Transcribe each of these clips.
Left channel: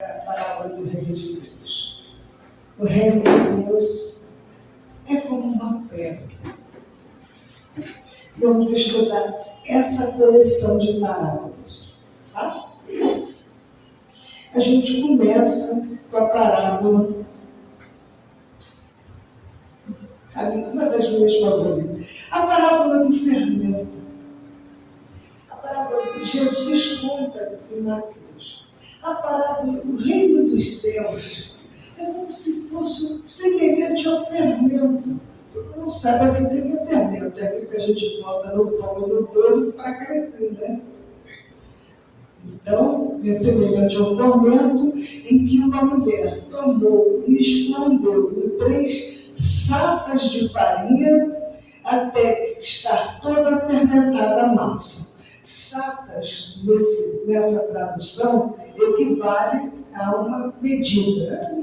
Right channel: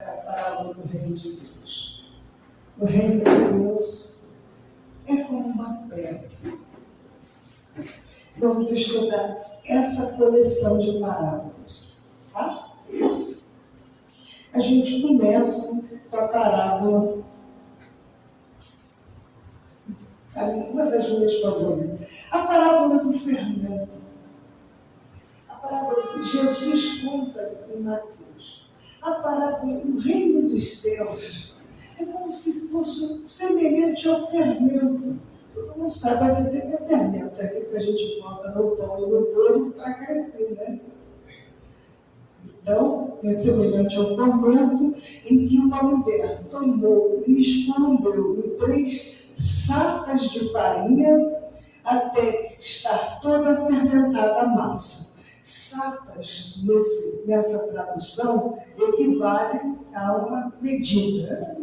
A parábola do reino de Deus. O reino de Deus é como uma pedra. Vamos estudar essa coleção de parábolas. Tá? A gente começa com a parábola, uma das minhas favoritas, a parábola do fermento. A parábola que Jesus conta em Mateus. A parábola do reino dos céus é como se fosse semelhante ao fermento. Todo mundo sabe o que é fermento, é aquilo que a gente bota no pão e no bolo para crescer, né? Então, é semelhante ao fermento em que uma mulher tomou e escondeu em 3 sacas de farinha até que estar toda fermentada a massa. Sacas, nessa tradução, equivale a uma medida.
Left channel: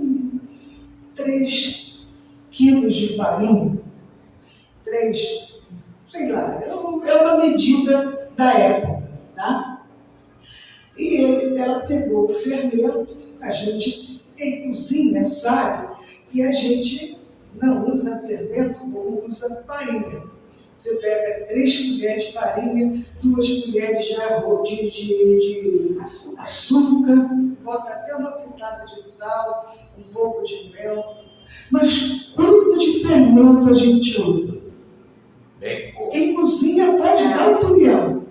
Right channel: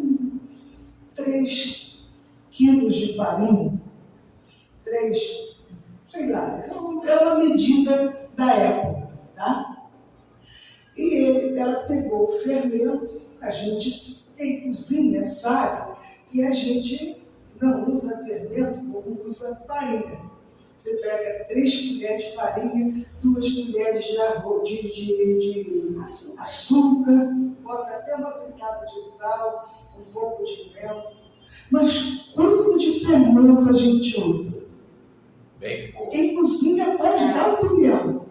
3 quilos de farinha, 3, sei lá, é uma medida da época, tá? E ela pegou o fermento, a gente em cozinha sabe que a gente não usa fermento como usa farinha. Você pega 3 colheres de farinha, 2 colheres de açúcar, bota até uma pitada de sal, um pouco de mel. Mas quanto de fermento a gente usa? Bem pouco. Quem cozinha pode dar opinião.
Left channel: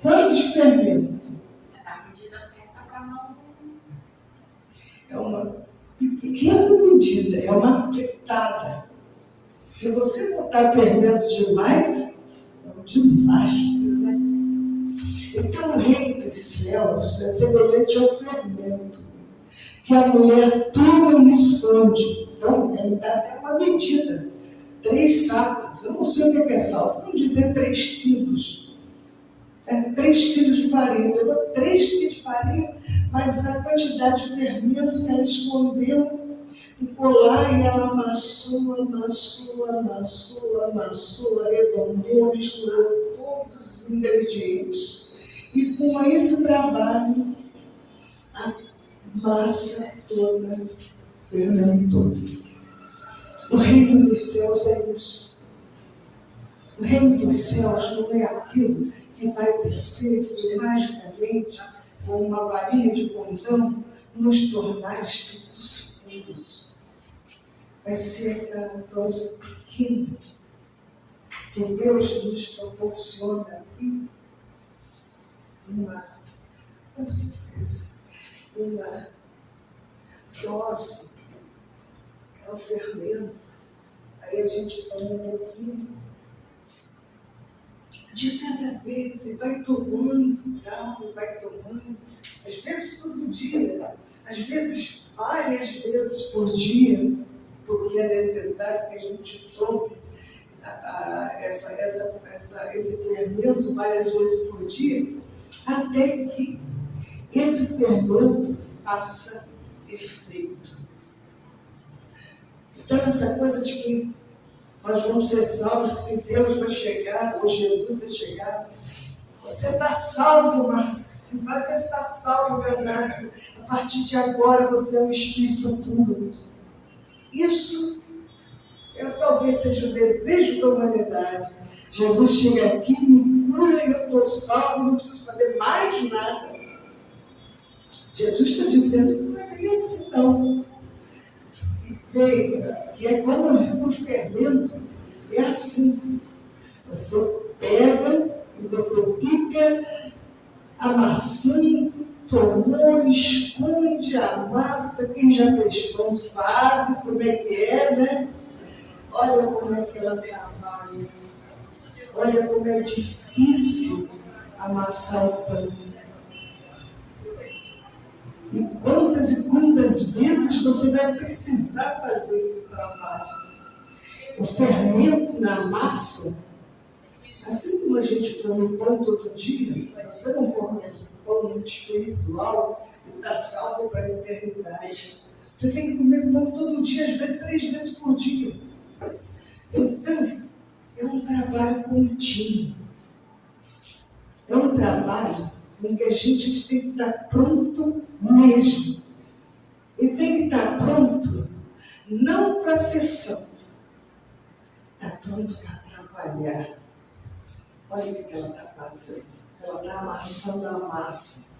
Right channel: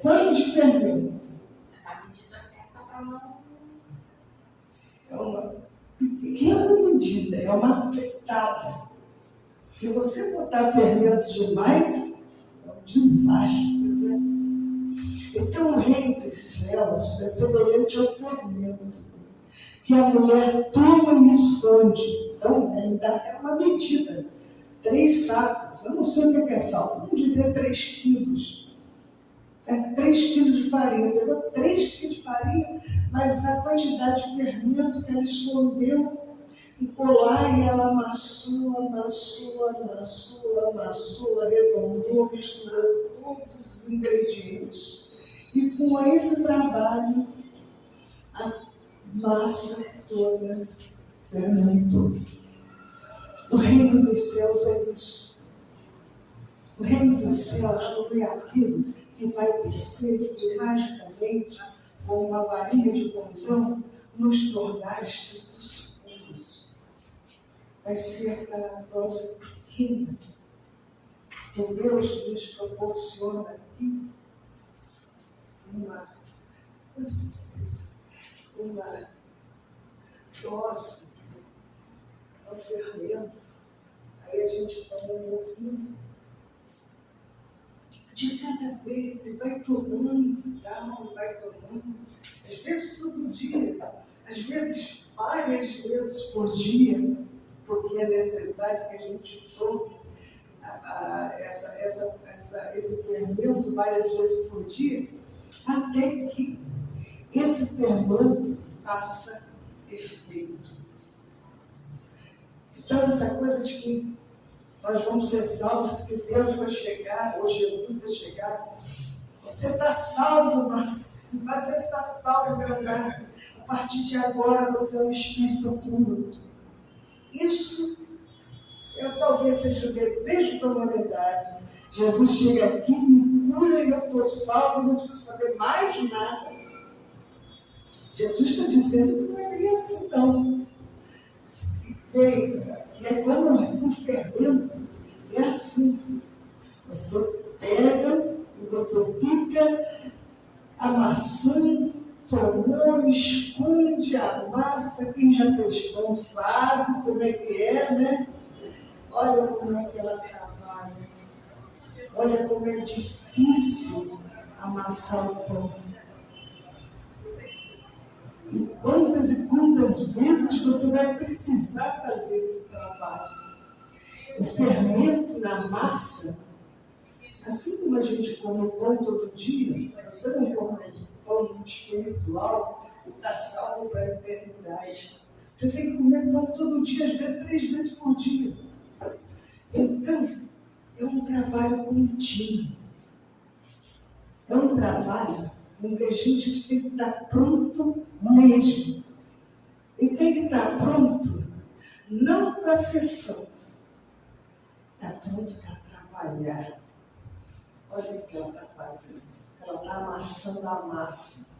Quanto de fermento? A medida certa para não... É uma pequena medida, é uma pitada. Se você botar fermento demais, é um desastre, né? Então o reino dos céus é semelhante ao fermento que a mulher toma e esconde. Então, ele dá até uma medida. 3 sacas. Eu não sei o que é sal. Vamos dizer 3 quilos. 3 quilos de farinha. Pegou 3 quilos de farinha, mas a quantidade de fermento que ela escondeu ficou lá e ela amassou, arredondou, misturou todos os ingredientes. E com esse trabalho, a massa toda fermentou. O reino dos céus é isso. O reino dos céus não é aquilo que vai descer e magicamente, com uma varinha de condão, nos tornar espíritos puros. Vai ser aquela coisa pequena que Deus nos proporciona aqui. Uma dose, é o fermento. Aí a gente toma um pouquinho de cada vez e vai tomando e tal, vai tomando. Às vezes todo dia, às vezes várias vezes por dia, porque é necessário que a gente tome esse fermento várias vezes por dia, até que esse fermento faça efeito. Então, essa coisa de que nós vamos ser salvos porque Deus vai chegar, ou Jesus vai chegar. Você está salvo, mas você está salvo, Leonardo. A partir de agora você é um espírito puro. Isso talvez seja o desejo da humanidade. Jesus chega aqui, me cura e eu estou salvo, não preciso fazer mais nada. Jesus está dizendo que não é bem assim, não. Que é como um fermento, é assim. Você pega e você fica amassando, tomou, esconde a massa. Quem já fez pão sabe como é que é, né? Olha como é que ela trabalha. Olha como é difícil amassar o pão. E quantas vezes você vai precisar fazer esse trabalho? O fermento na massa, assim como a gente come pão todo dia, você não come pão espiritual e está salvo para a eternidade. Você tem que comer pão todo dia, às vezes 3 vezes por dia. Então, é um trabalho contínuo. É um trabalho em que a gente tem que estar pronto mesmo para ser santo. Está pronto para trabalhar. Olha o que ela está fazendo. Ela está amassando a massa.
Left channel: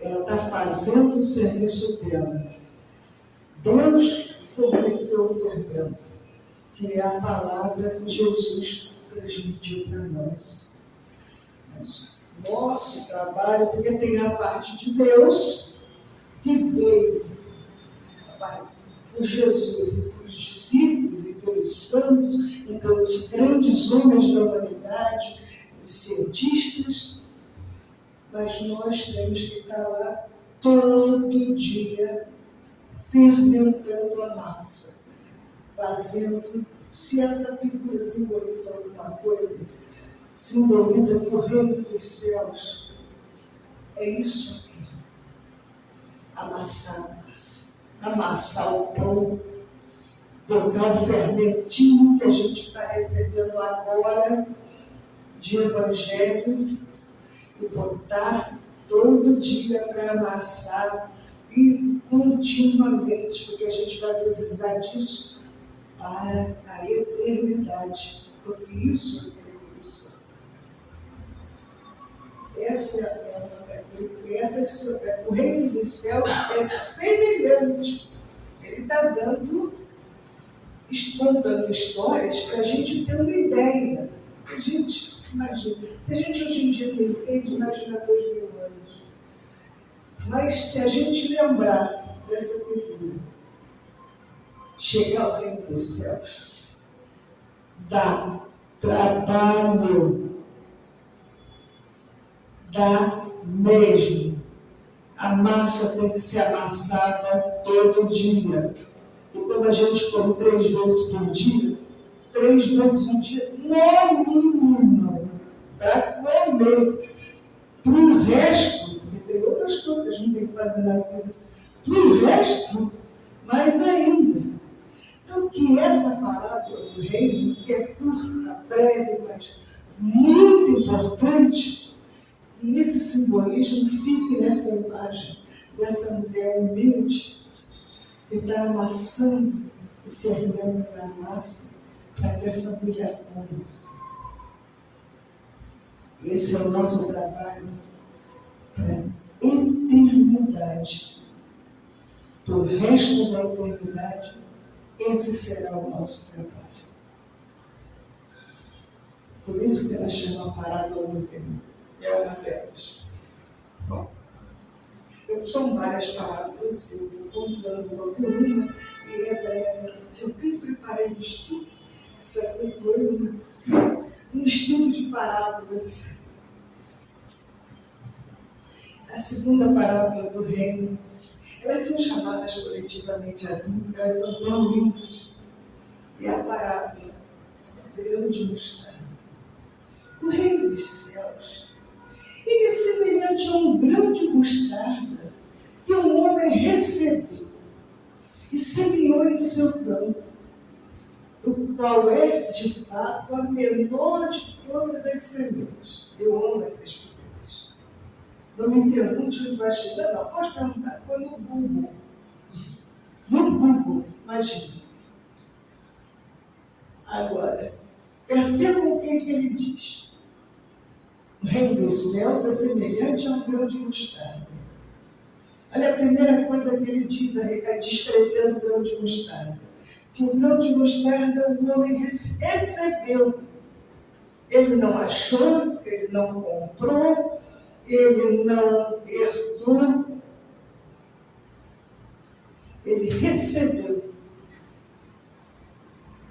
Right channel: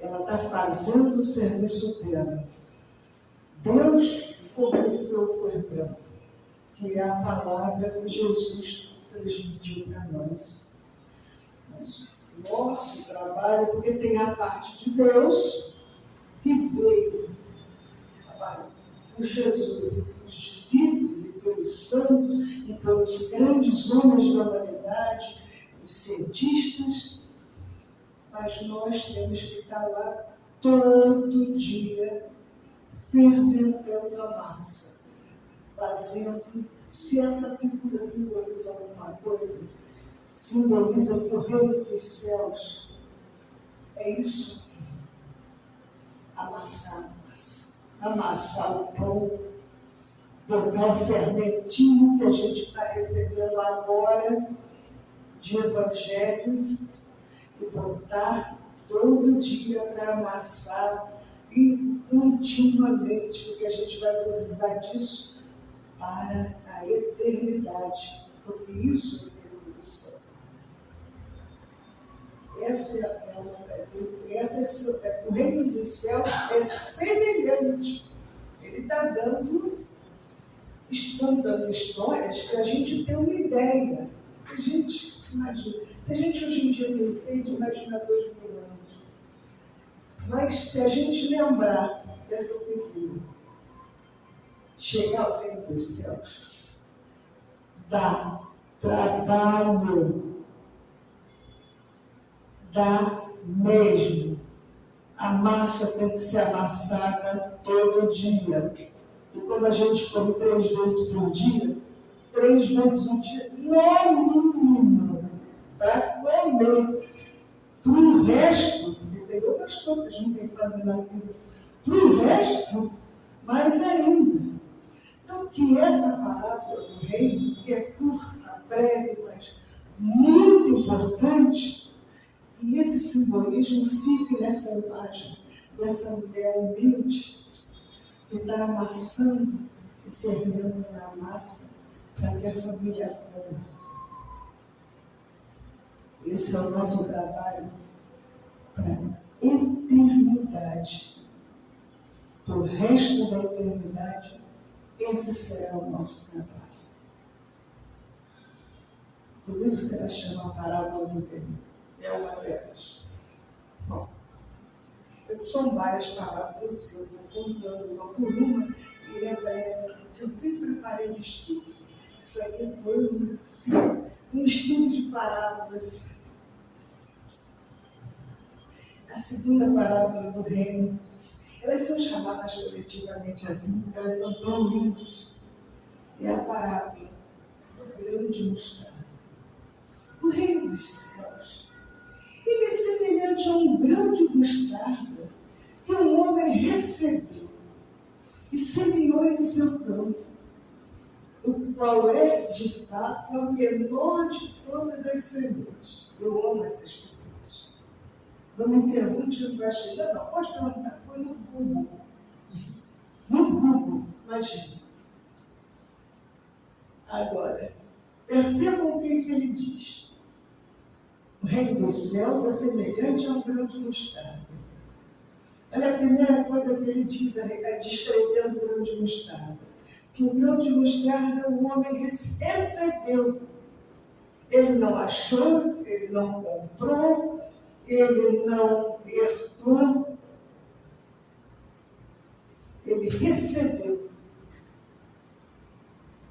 Ela está fazendo o serviço dela. Deus forneceu o fermento, que é a palavra que Jesus transmitiu para nós. Mas nosso trabalho, porque tem a parte de Deus que veio por Jesus e pelos discípulos e pelos santos e pelos grandes homens da humanidade, os cientistas, mas nós temos que estar lá todo dia fermentando a massa, fazendo, se essa figura simboliza alguma coisa, simboliza que o reino dos céus é isso aqui, amassar a massa, amassar o pão, botar o fermentinho que a gente está recebendo agora de evangelho e botar todo dia para amassar e continuamente, porque a gente vai precisar disso para a eternidade, porque isso é evolução. O reino dos céus é semelhante. Ele está dando histórias para a gente ter uma ideia. A gente imagina. Se a gente hoje em dia não entende, imagina 2000 anos. Mas se a gente lembrar dessa figura, chegar ao reino dos céus, dá trabalho, dá mesmo. A massa tem que ser amassada todo dia. E como a gente come 3 vezes por dia, 3 vezes um dia, no mínimo, para comer. Para o resto, porque tem outras coisas que a gente tem que fazer na vida, para o resto, mais ainda. Então, que essa parábola do reino, que é curta, breve, mas muito importante, que esse simbolismo fique nessa imagem dessa mulher humilde que está amassando o fermento da massa para que a família coma. Esse é o nosso trabalho para a eternidade. Para o resto da eternidade, esse será o nosso trabalho. Por isso que ela chama a parábola do reino. É uma delas. Bom, são várias parábolas, eu vou contando uma por uma, e é breve, porque eu nem preparei o estudo. Isso aqui foi um estudo de parábolas. A segunda parábola do reino, elas são chamadas coletivamente assim, porque elas são tão lindas. E a parábola do grão de mostarda. O reino dos céus, ele é semelhante a um grão de mostarda que um homem recebeu e semeou em seu campo, o qual é, de fato, a menor de todas as sementes. Eu amo essas figuras. Não me pergunte onde vai chegar, não. Pode perguntar. Foi no Google. No Google, imagina. Agora, percebam o que ele diz. O reino dos céus é semelhante a um grão de mostarda. Olha a primeira coisa que ele diz, descrevendo o grão de mostarda. Que o grão de mostarda o homem recebeu. Ele não achou, ele não comprou, ele não herdou. Ele recebeu.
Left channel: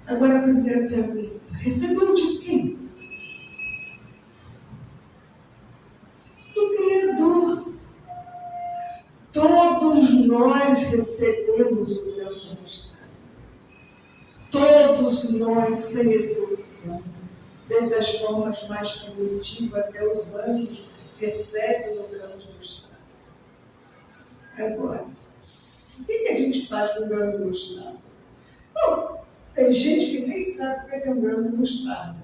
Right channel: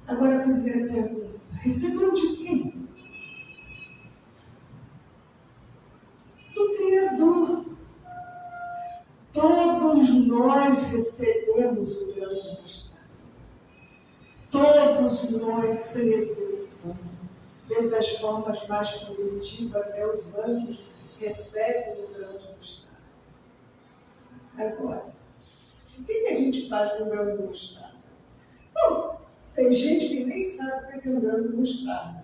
Agora a primeira pergunta. Recebeu de quem? Do Criador. Todos nós recebemos o grão de mostarda. Todos nós, sem exceção, desde as formas mais primitivas até os anjos, recebem o grão de mostarda. Agora, o que a gente faz com o grão de mostarda? Bom, tem gente que nem sabe o que é um grão de mostarda.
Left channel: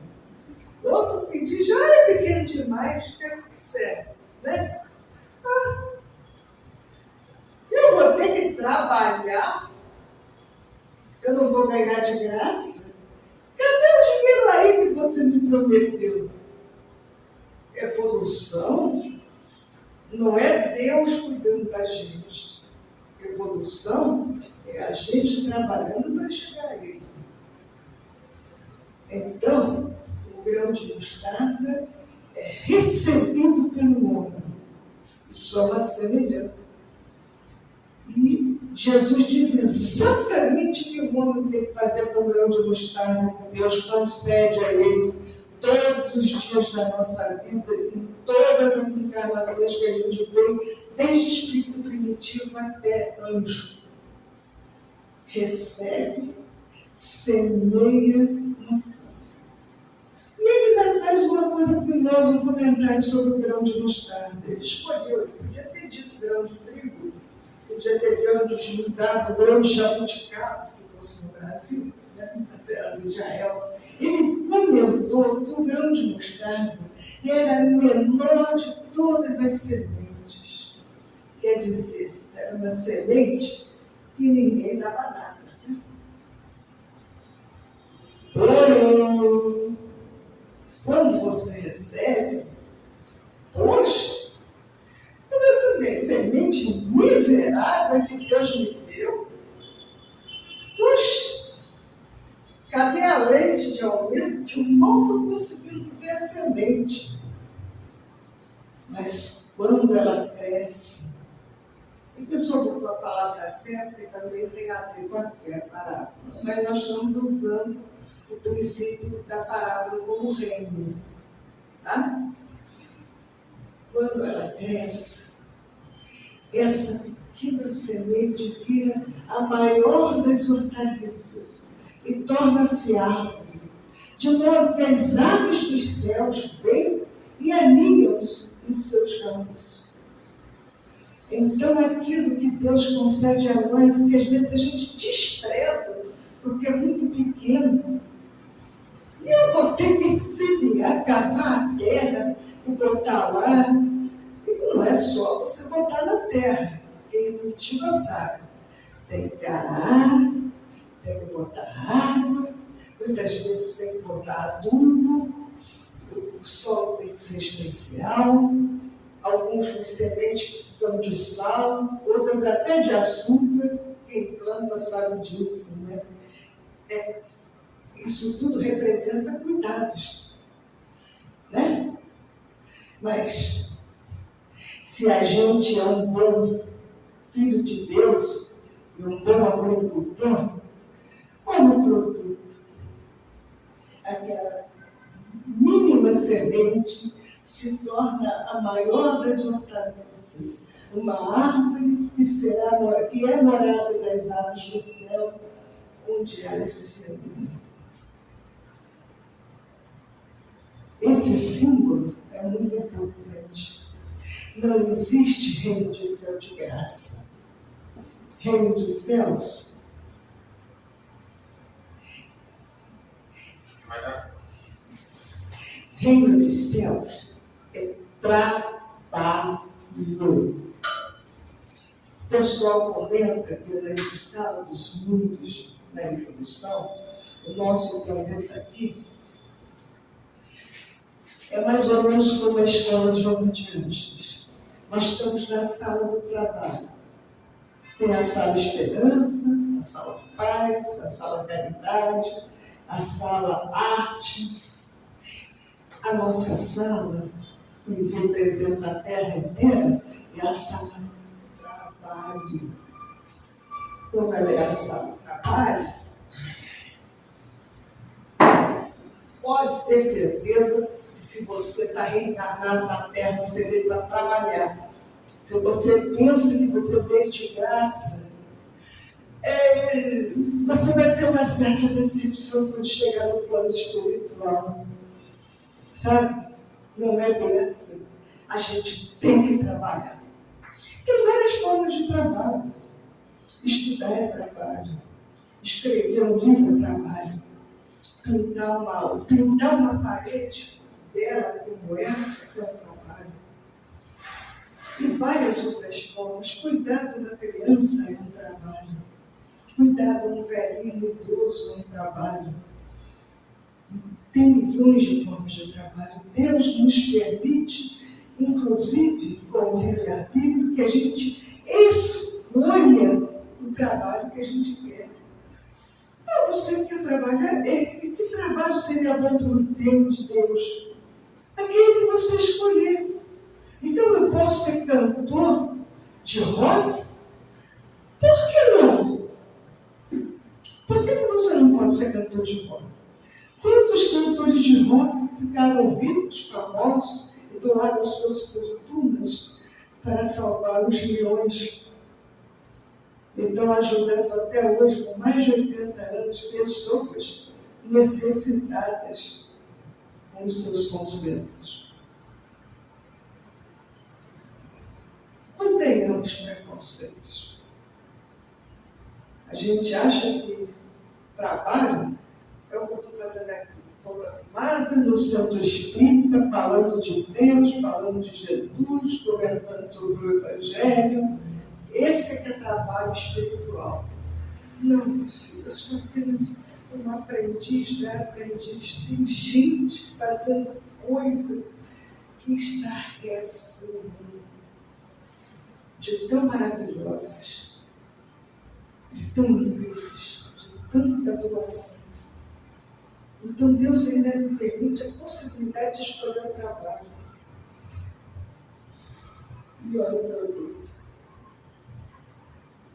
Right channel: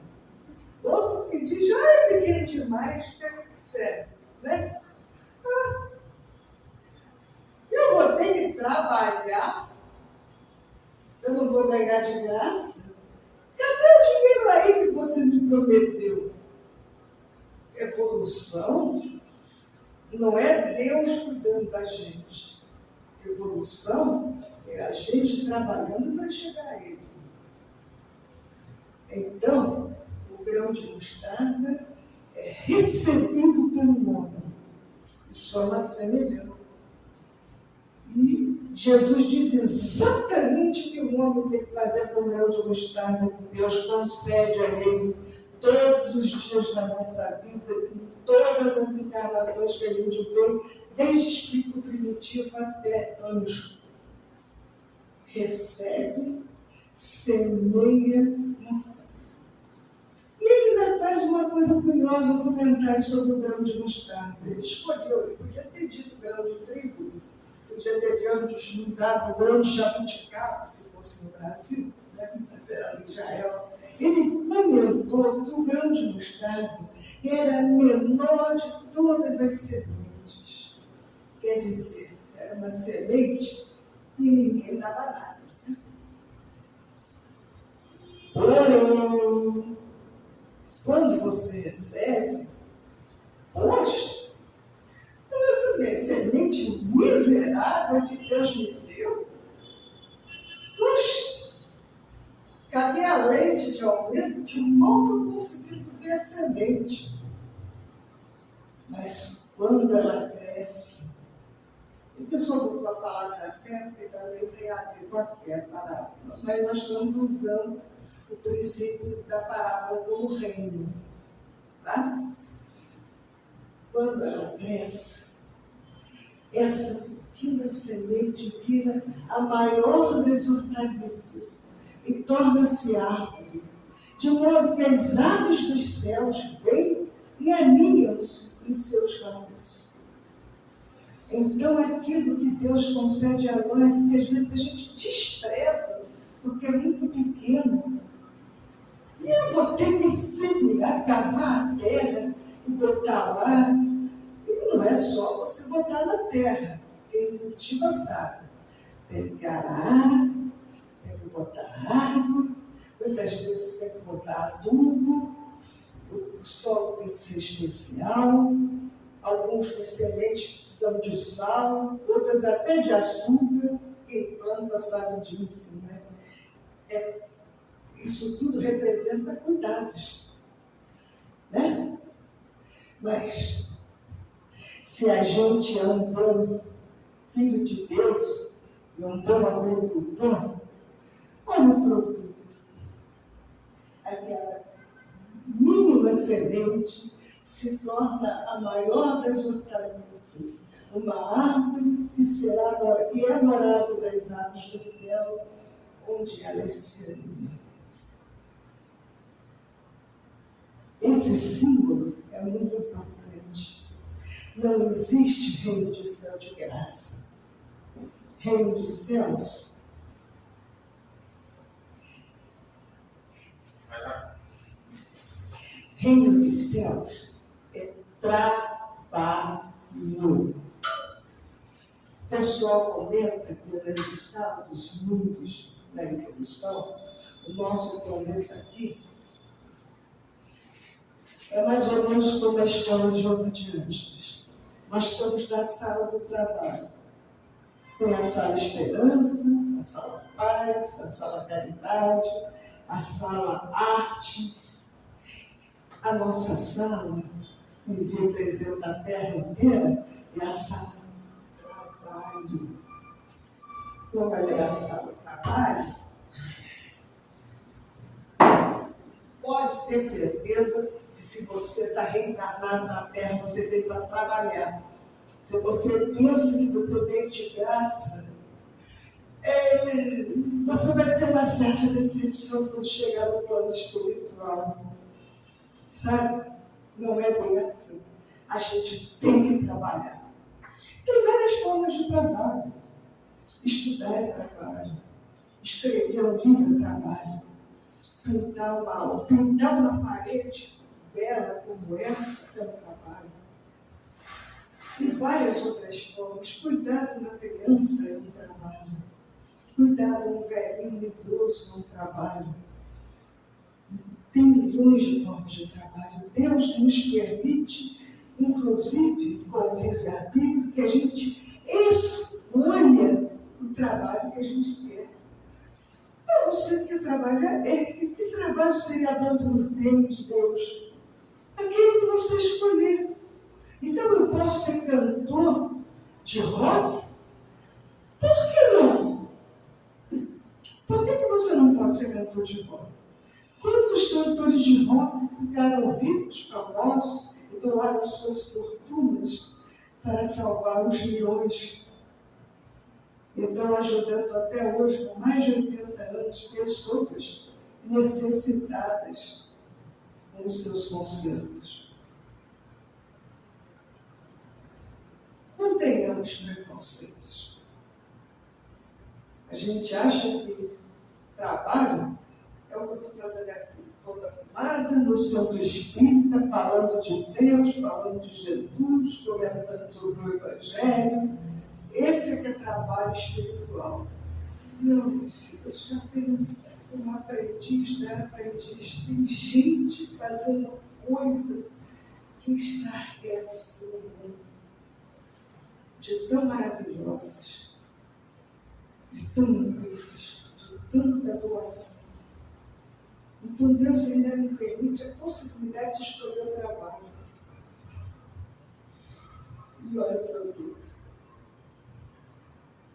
Outro que diz, é pequeno demais, o que é que serve? Né? Eu vou ter que trabalhar não vou ganhar de graça? Cadê o dinheiro aí que você me prometeu? Evolução não é Deus cuidando da gente. Evolução é a gente trabalhando para chegar a Ele. Então, o grão de mostarda é recebido pelo homem. Isso é uma semelhança. E Jesus diz exatamente o que o homem tem que fazer com o grão de mostarda que Deus concede a ele todos os dias da nossa vida, em todas as encarnações que a gente tem, desde espírito primitivo até anjo. Recebe, semeia no campo. E ele ainda faz uma coisa curiosa, um comentário sobre o grão de mostarda. Ele escolheu, ele podia ter dito grão de trigo, podia ter grão de mudado, grão de jabuticaba, se fosse no Brasil, mas era em Israel. Ele comentou que o grão de mostarda era a menor de todas as sementes. Quer dizer, era uma semente que ninguém dava nada. Né? Porém, quando você recebe, poxa, quando você vê semente miserável que Deus me deu, puxa, cadê a lente de aumento que eu mal estou conseguindo ver a semente? Mas quando ela cresce, e sobre a palavra fé, porque também tem a ver com a fé, parábola, mas nós estamos usando o princípio da parábola como reino. Tá? Quando ela cresce, essa pequena semente vira a maior das hortaliças e torna-se árvore, de modo que as aves dos céus vêm e aninham-se em seus ramos. Então, aquilo que Deus concede a nós, e que às vezes a gente despreza, porque é muito pequeno, e eu vou ter que semear, cavar a terra e botar lá. E não é só você botar na terra. Quem cultiva sabe. Tem que arar, tem que botar água, muitas vezes tem que botar adubo, o solo tem que ser especial, alguns com sementes precisam de sal, outras até de açúcar. Quem planta sabe disso, né? Isso tudo representa cuidados, né? Mas, se a gente é um bom filho de Deus e um bom agricultor, olha o produto. Aquela mínima semente se torna a maior das hortaliças, uma árvore que é morada das aves do céu, onde elas se aninham. Esse símbolo é muito importante. Não existe reino de céu de graça. Reino dos céus reino dos céus é trabalho. O pessoal comenta que nas escalas dos mundos na evolução, o nosso planeta aqui é mais ou menos como a escola de João de Anjos. Nós estamos na sala do trabalho. Tem a sala Esperança, a sala Paz, a sala Caridade, a sala Arte. A nossa sala, que representa a Terra inteira, é a sala Trabalho. Como ela é a sala Trabalho, pode ter certeza que se você está reencarnado na Terra, você veio para trabalhar. Se você pensa que você veio de graça, você vai ter uma certa decepção quando chegar no plano espiritual. Sabe? Não é bem assim. A gente tem que trabalhar. Tem várias formas de trabalho. Estudar é trabalho. Escrever um livro é trabalho. Pintar uma parede bela como essa é um trabalho. E várias outras formas. Cuidar de uma criança é um trabalho. cuidar de um velhinho idoso no trabalho. Tem milhões de formas de trabalho. Deus nos permite, inclusive, com o livre-arbítrio, que a gente escolha o trabalho que a gente quer. Ah, você quer trabalhar? Que trabalho seria bom para o tempo de Deus? Aquele que você escolher. Então eu posso ser cantor de rock? Por que não? Por que você não pode ser cantor de rock? Quantos cantores de rock ficaram ricos, famosos e doaram suas fortunas para salvar os milhões? E estão ajudando até hoje, com mais de 80 anos, pessoas necessitadas com os seus concertos. Não tenhamos preconceitos. A gente acha que trabalho é o que eu estou fazendo aqui. Estou arrumada no centro espírita, falando de Deus, falando de Jesus, comentando sobre o Evangelho. Esse que é trabalho espiritual. Não, meu filho, eu sou apenas uma aprendiz, né? Aprendiz. Tem gente fazendo coisas que estarrecem o mundo. De tão maravilhosas, de tão incríveis, de tanta doação. Então Deus ainda me permite a possibilidade de escolher o trabalho. E olha o produto.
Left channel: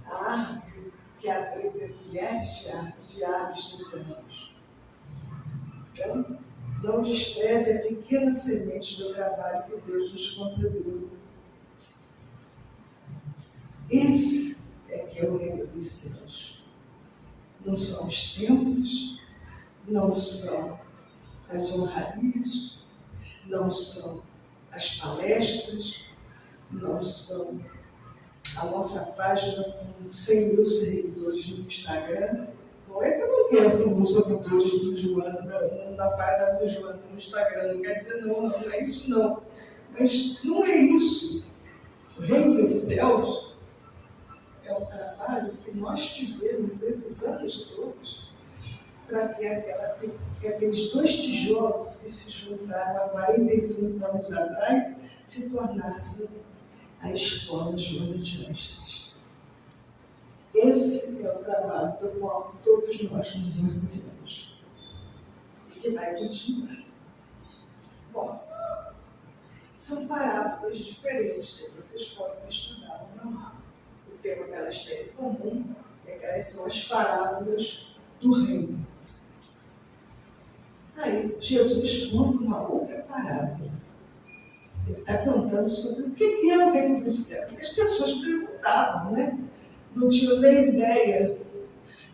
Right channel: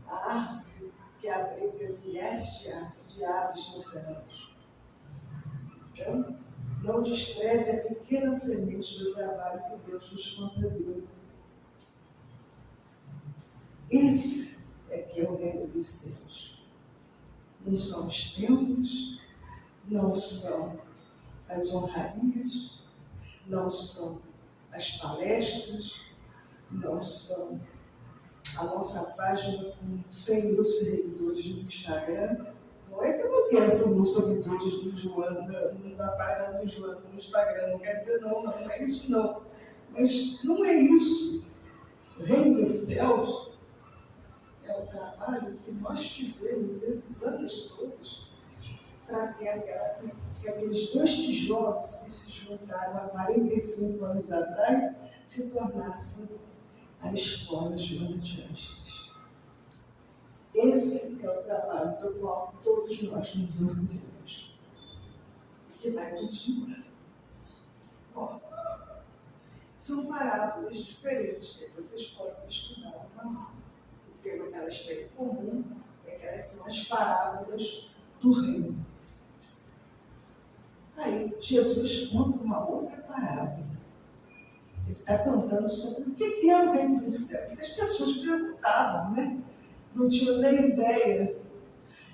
A árvore que abriga milhares de aves no verão. Então, não despreze a pequena semente do trabalho que Deus nos concedeu. Esse é que é o reino dos céus. Não são os templos, não são as honrarias, não são as palestras, não são a nossa página com 100 mil seguidores no Instagram. Não é que eu não quero 100 mil seguidores do Joana, na página do Joana no Instagram, não quer dizer não é isso não. Mas não é isso. O reino dos céus é o trabalho que nós tivemos esses anos todos para que aqueles 2 tijolos que se juntaram há 45 anos atrás se tornassem a escola Joana de Ângeles. Esse é o trabalho do qual todos nós nos orgulhamos e que vai continuar. Bom, são parábolas diferentes que vocês podem estudar no manual. O tema que elas têm em comum é que elas são as parábolas do reino. Aí, Jesus conta uma outra parábola. Ele está contando sobre o que é o reino dos céus. Porque as pessoas perguntavam, né? Não tinham nem ideia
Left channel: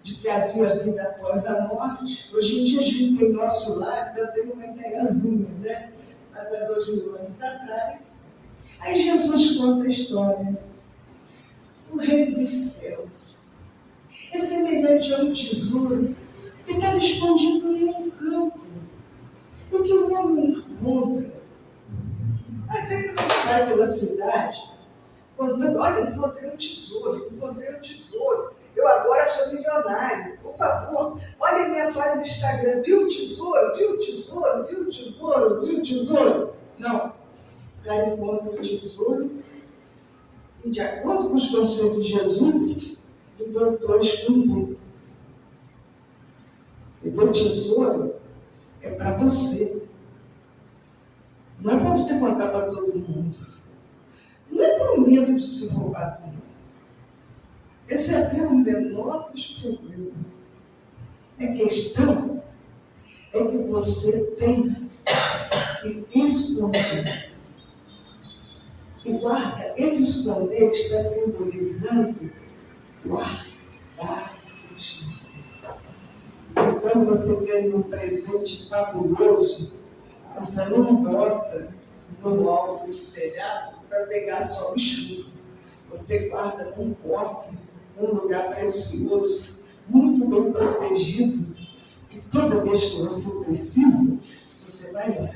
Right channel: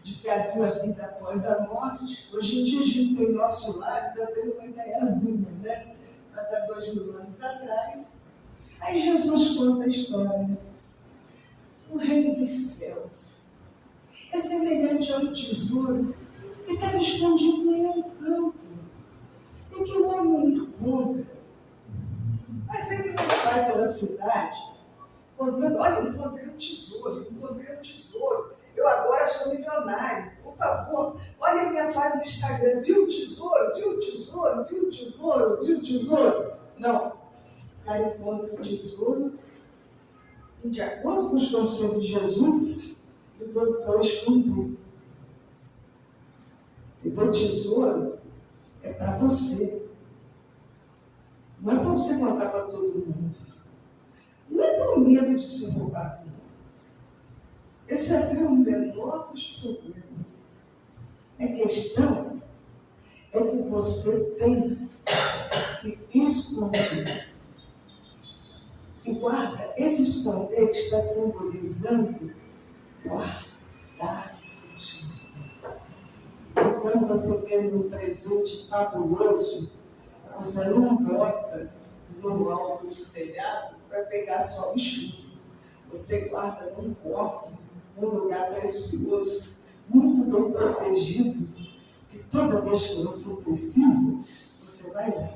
de que havia vida após a morte. Hoje em dia, a gente tem nosso lar, ainda tem uma ideiazinha, né? Mas há 2000 anos atrás. Aí Jesus conta a história. O reino dos céus é semelhante a um tesouro que estava escondido em um campo e que o homem encontra. Mas ele não sai pela cidade contando, olha, encontrei um tesouro, eu agora sou milionário, por favor, olha a minha página no Instagram, viu o tesouro? Não, o cara encontra o tesouro e, de acordo com os conselhos de Jesus, ele voltou a esconder. Quer dizer, o tesouro é para você. Não é para você contar para todo mundo. Não é por medo de ser roubado, não. Esse é até o menor dos problemas. A questão é que você tem que esconder. E guarda, esse esconder está simbolizando guardar o tesouro. Quando você tem um presente fabuloso, você não bota no alto do telhado para pegar só o chuva. Você guarda num cofre, num lugar precioso, muito bem protegido, que toda vez que você precisa, você vai lá.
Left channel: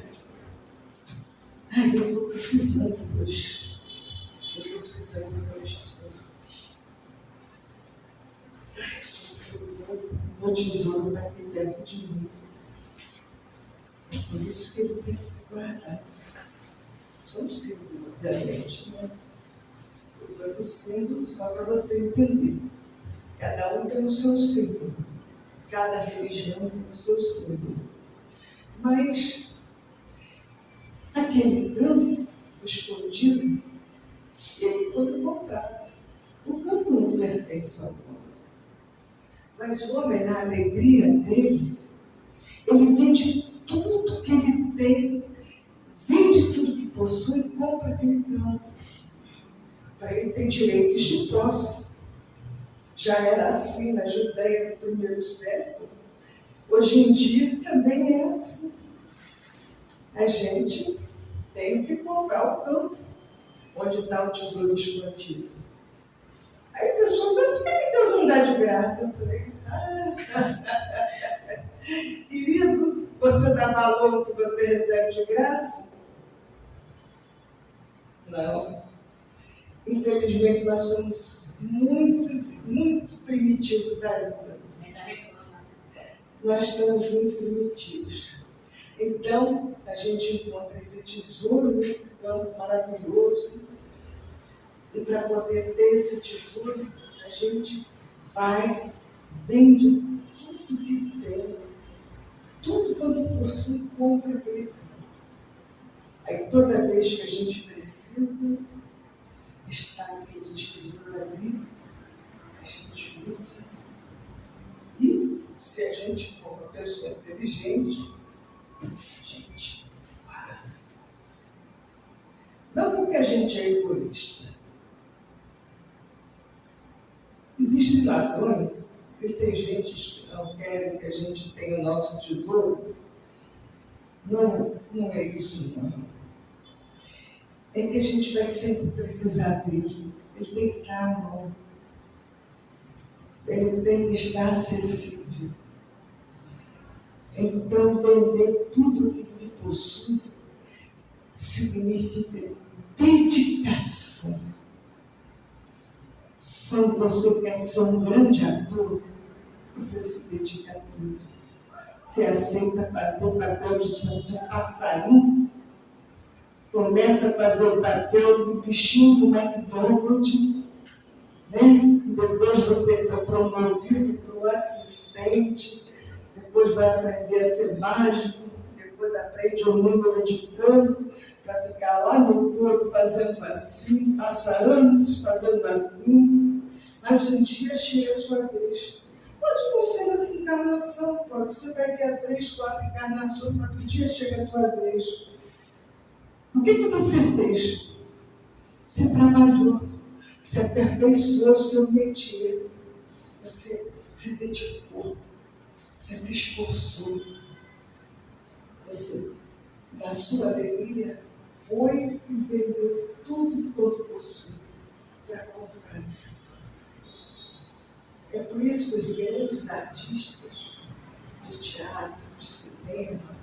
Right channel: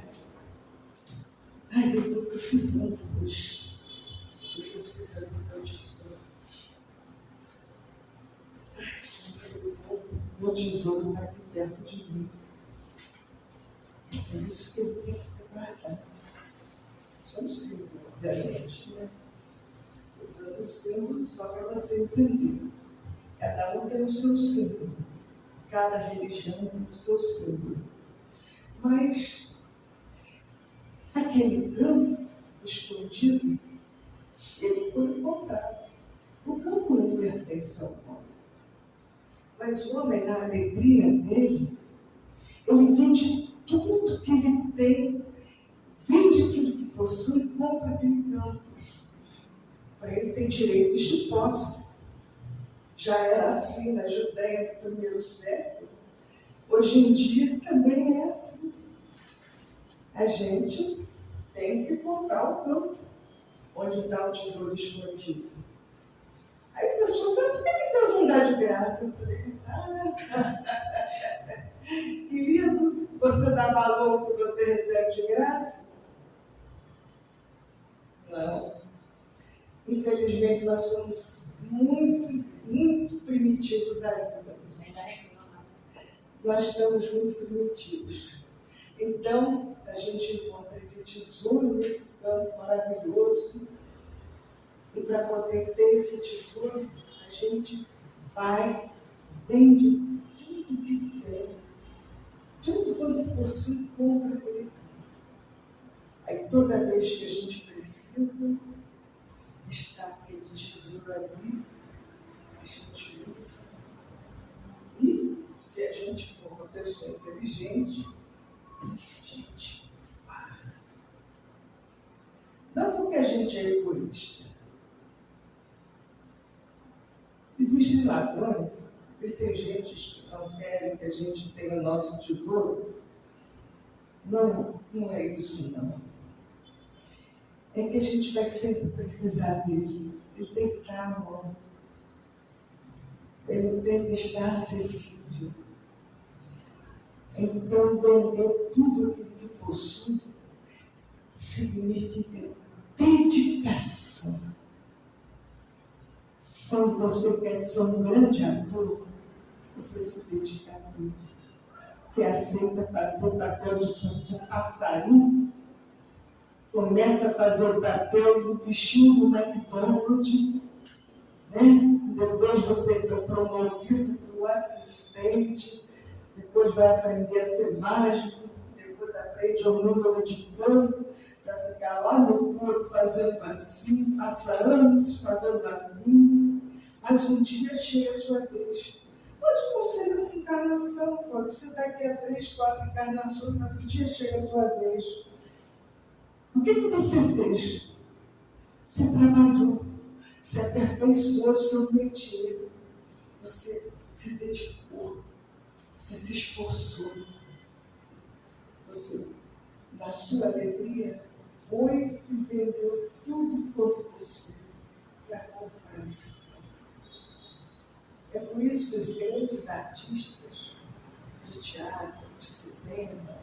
Ai, eu estou precisando hoje. Eu estou precisando de um tesouro. Ai, meu tesouro está aqui perto de mim. É por isso que ele tem que ser guardado. São símbolos, obviamente, né? Estou usando o símbolo só para você entender. Cada um tem o seu símbolo. Cada religião tem o seu símbolo. Mas aquele campo escondido, ele foi encontrado. O campo não pertence ao homem. Mas o homem, na alegria dele, ele vende tudo que ele tem, vende tudo que possui e compra aquele campo. Para ele ter direitos de posse. Já era assim na Judéia do primeiro século. Hoje em dia também é assim. A gente tem que comprar o campo onde está o tesouro escondido. Aí a pessoa diz, por que Deus não dá de graça? Eu falei, querido, você dá valor ao que você recebe de graça? Não. Infelizmente, nós somos muito primitivos ainda. Nós estamos muito primitivos. Então, a gente encontra esse tesouro nesse campo maravilhoso. E para poder ter esse tesouro, a gente vai, vende tudo que tem, tudo quanto possui, compra aquele campo. Aí toda vez que a gente precisa, está aquele tesouro ali, a gente usa. E se a gente for uma pessoa inteligente, a gente guarda. Não porque a gente é egoísta. Existem ladrões, existem gente que não querem que a gente tenha o nosso tesouro. Não é isso, não. É que a gente vai sempre precisar dele. Ele tem que estar à mão. Ele tem que estar acessível. Então, vender tudo aquilo que possui significa dedicação. Quando você quer ser um grande ator, você se dedica a tudo. Você aceita fazer o papel de passarinho, começa a fazer o papel do bichinho do McDonald's, né? Depois você é promovido para o assistente, depois vai aprender a ser mágico, depois aprende o número de canto, para ficar lá no coro fazendo assim, passa anos fazendo assim, mas um dia chega a sua vez. Pode não ser nessa encarnação, pode ser daqui a 3, 4 encarnações, mas um dia chega a tua vez. O que você fez? Você trabalhou, você aperfeiçoou o seu métier, você se dedicou, você se esforçou, você, da sua alegria, foi e vendeu tudo quanto possui para comprar esse campo. É por isso que os grandes artistas de teatro, de cinema,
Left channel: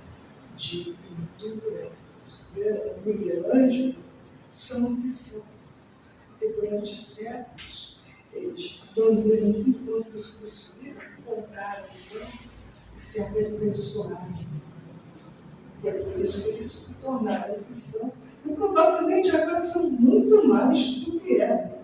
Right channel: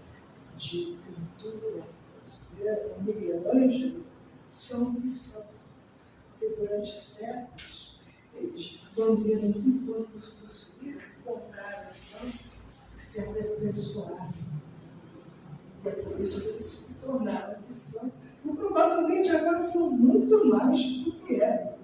de pintura, Miguel Ângelo, são o que são. Porque durante séculos eles venderam tudo quanto possuíram, compraram o campo e se aperfeiçoaram. E é por isso que eles se tornaram o que são. E provavelmente agora são muito mais do que eram.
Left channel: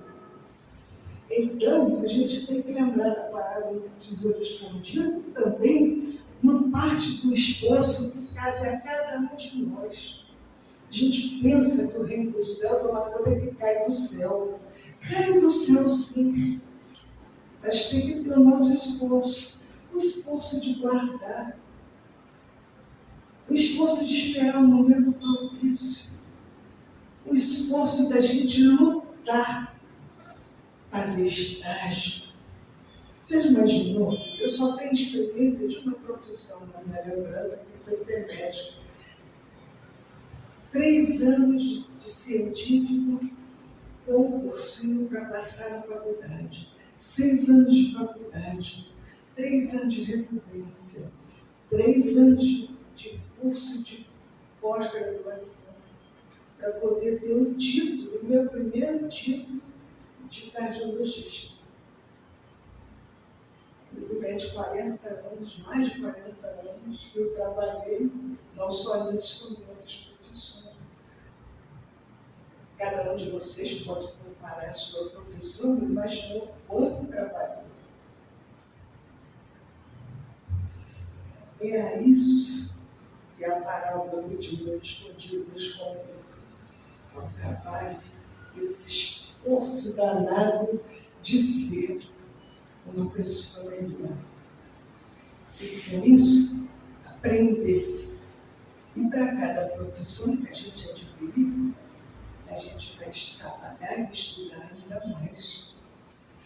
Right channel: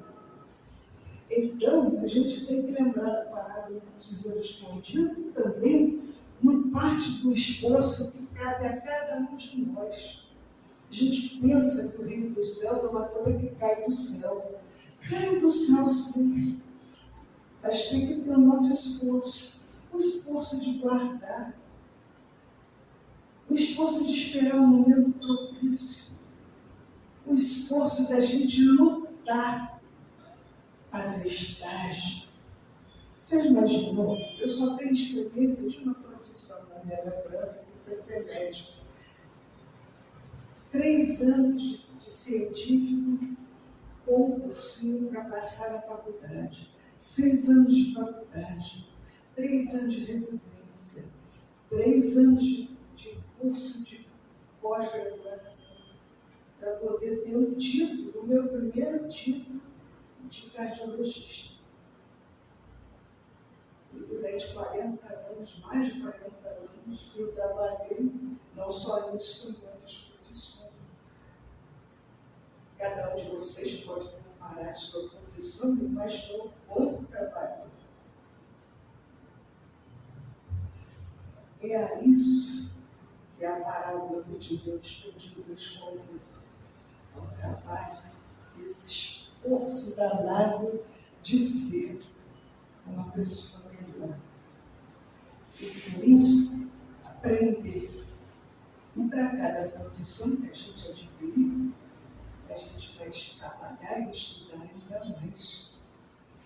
Então, a gente tem que lembrar da parábola do tesouro escondido também uma parte do esforço que cabe a cada um de nós. A gente pensa que o reino dos céus é uma coisa que cai do céu. Cai do céu, sim. Mas tem que ter o nosso esforço. O esforço de guardar. O esforço de esperar um momento propício. O esforço da gente lutar. Fazer estágio. Você já imaginou? Eu só tenho experiência de uma profissão na minha lembrança, que foi ter médico. 3 anos de científico com um cursinho para passar na faculdade. 6 anos de faculdade. 3 anos de residência. 3 anos de curso de pós-graduação. Para poder ter o título, o meu primeiro título de cardiologista. durante 40 anos, mais de 40 anos, eu trabalhei não só nisso, como em outras profissões. Cada um de vocês pode comparar a sua profissão e imaginar o quanto trabalhou. É a isso que a parábola do tesouro escondido nos convida ao trabalho, esse esforço danado de ser uma pessoa melhor. E com isso, aprender. E para cada profissão que a gente adquirir, a gente vai trabalhar e estudar ainda mais.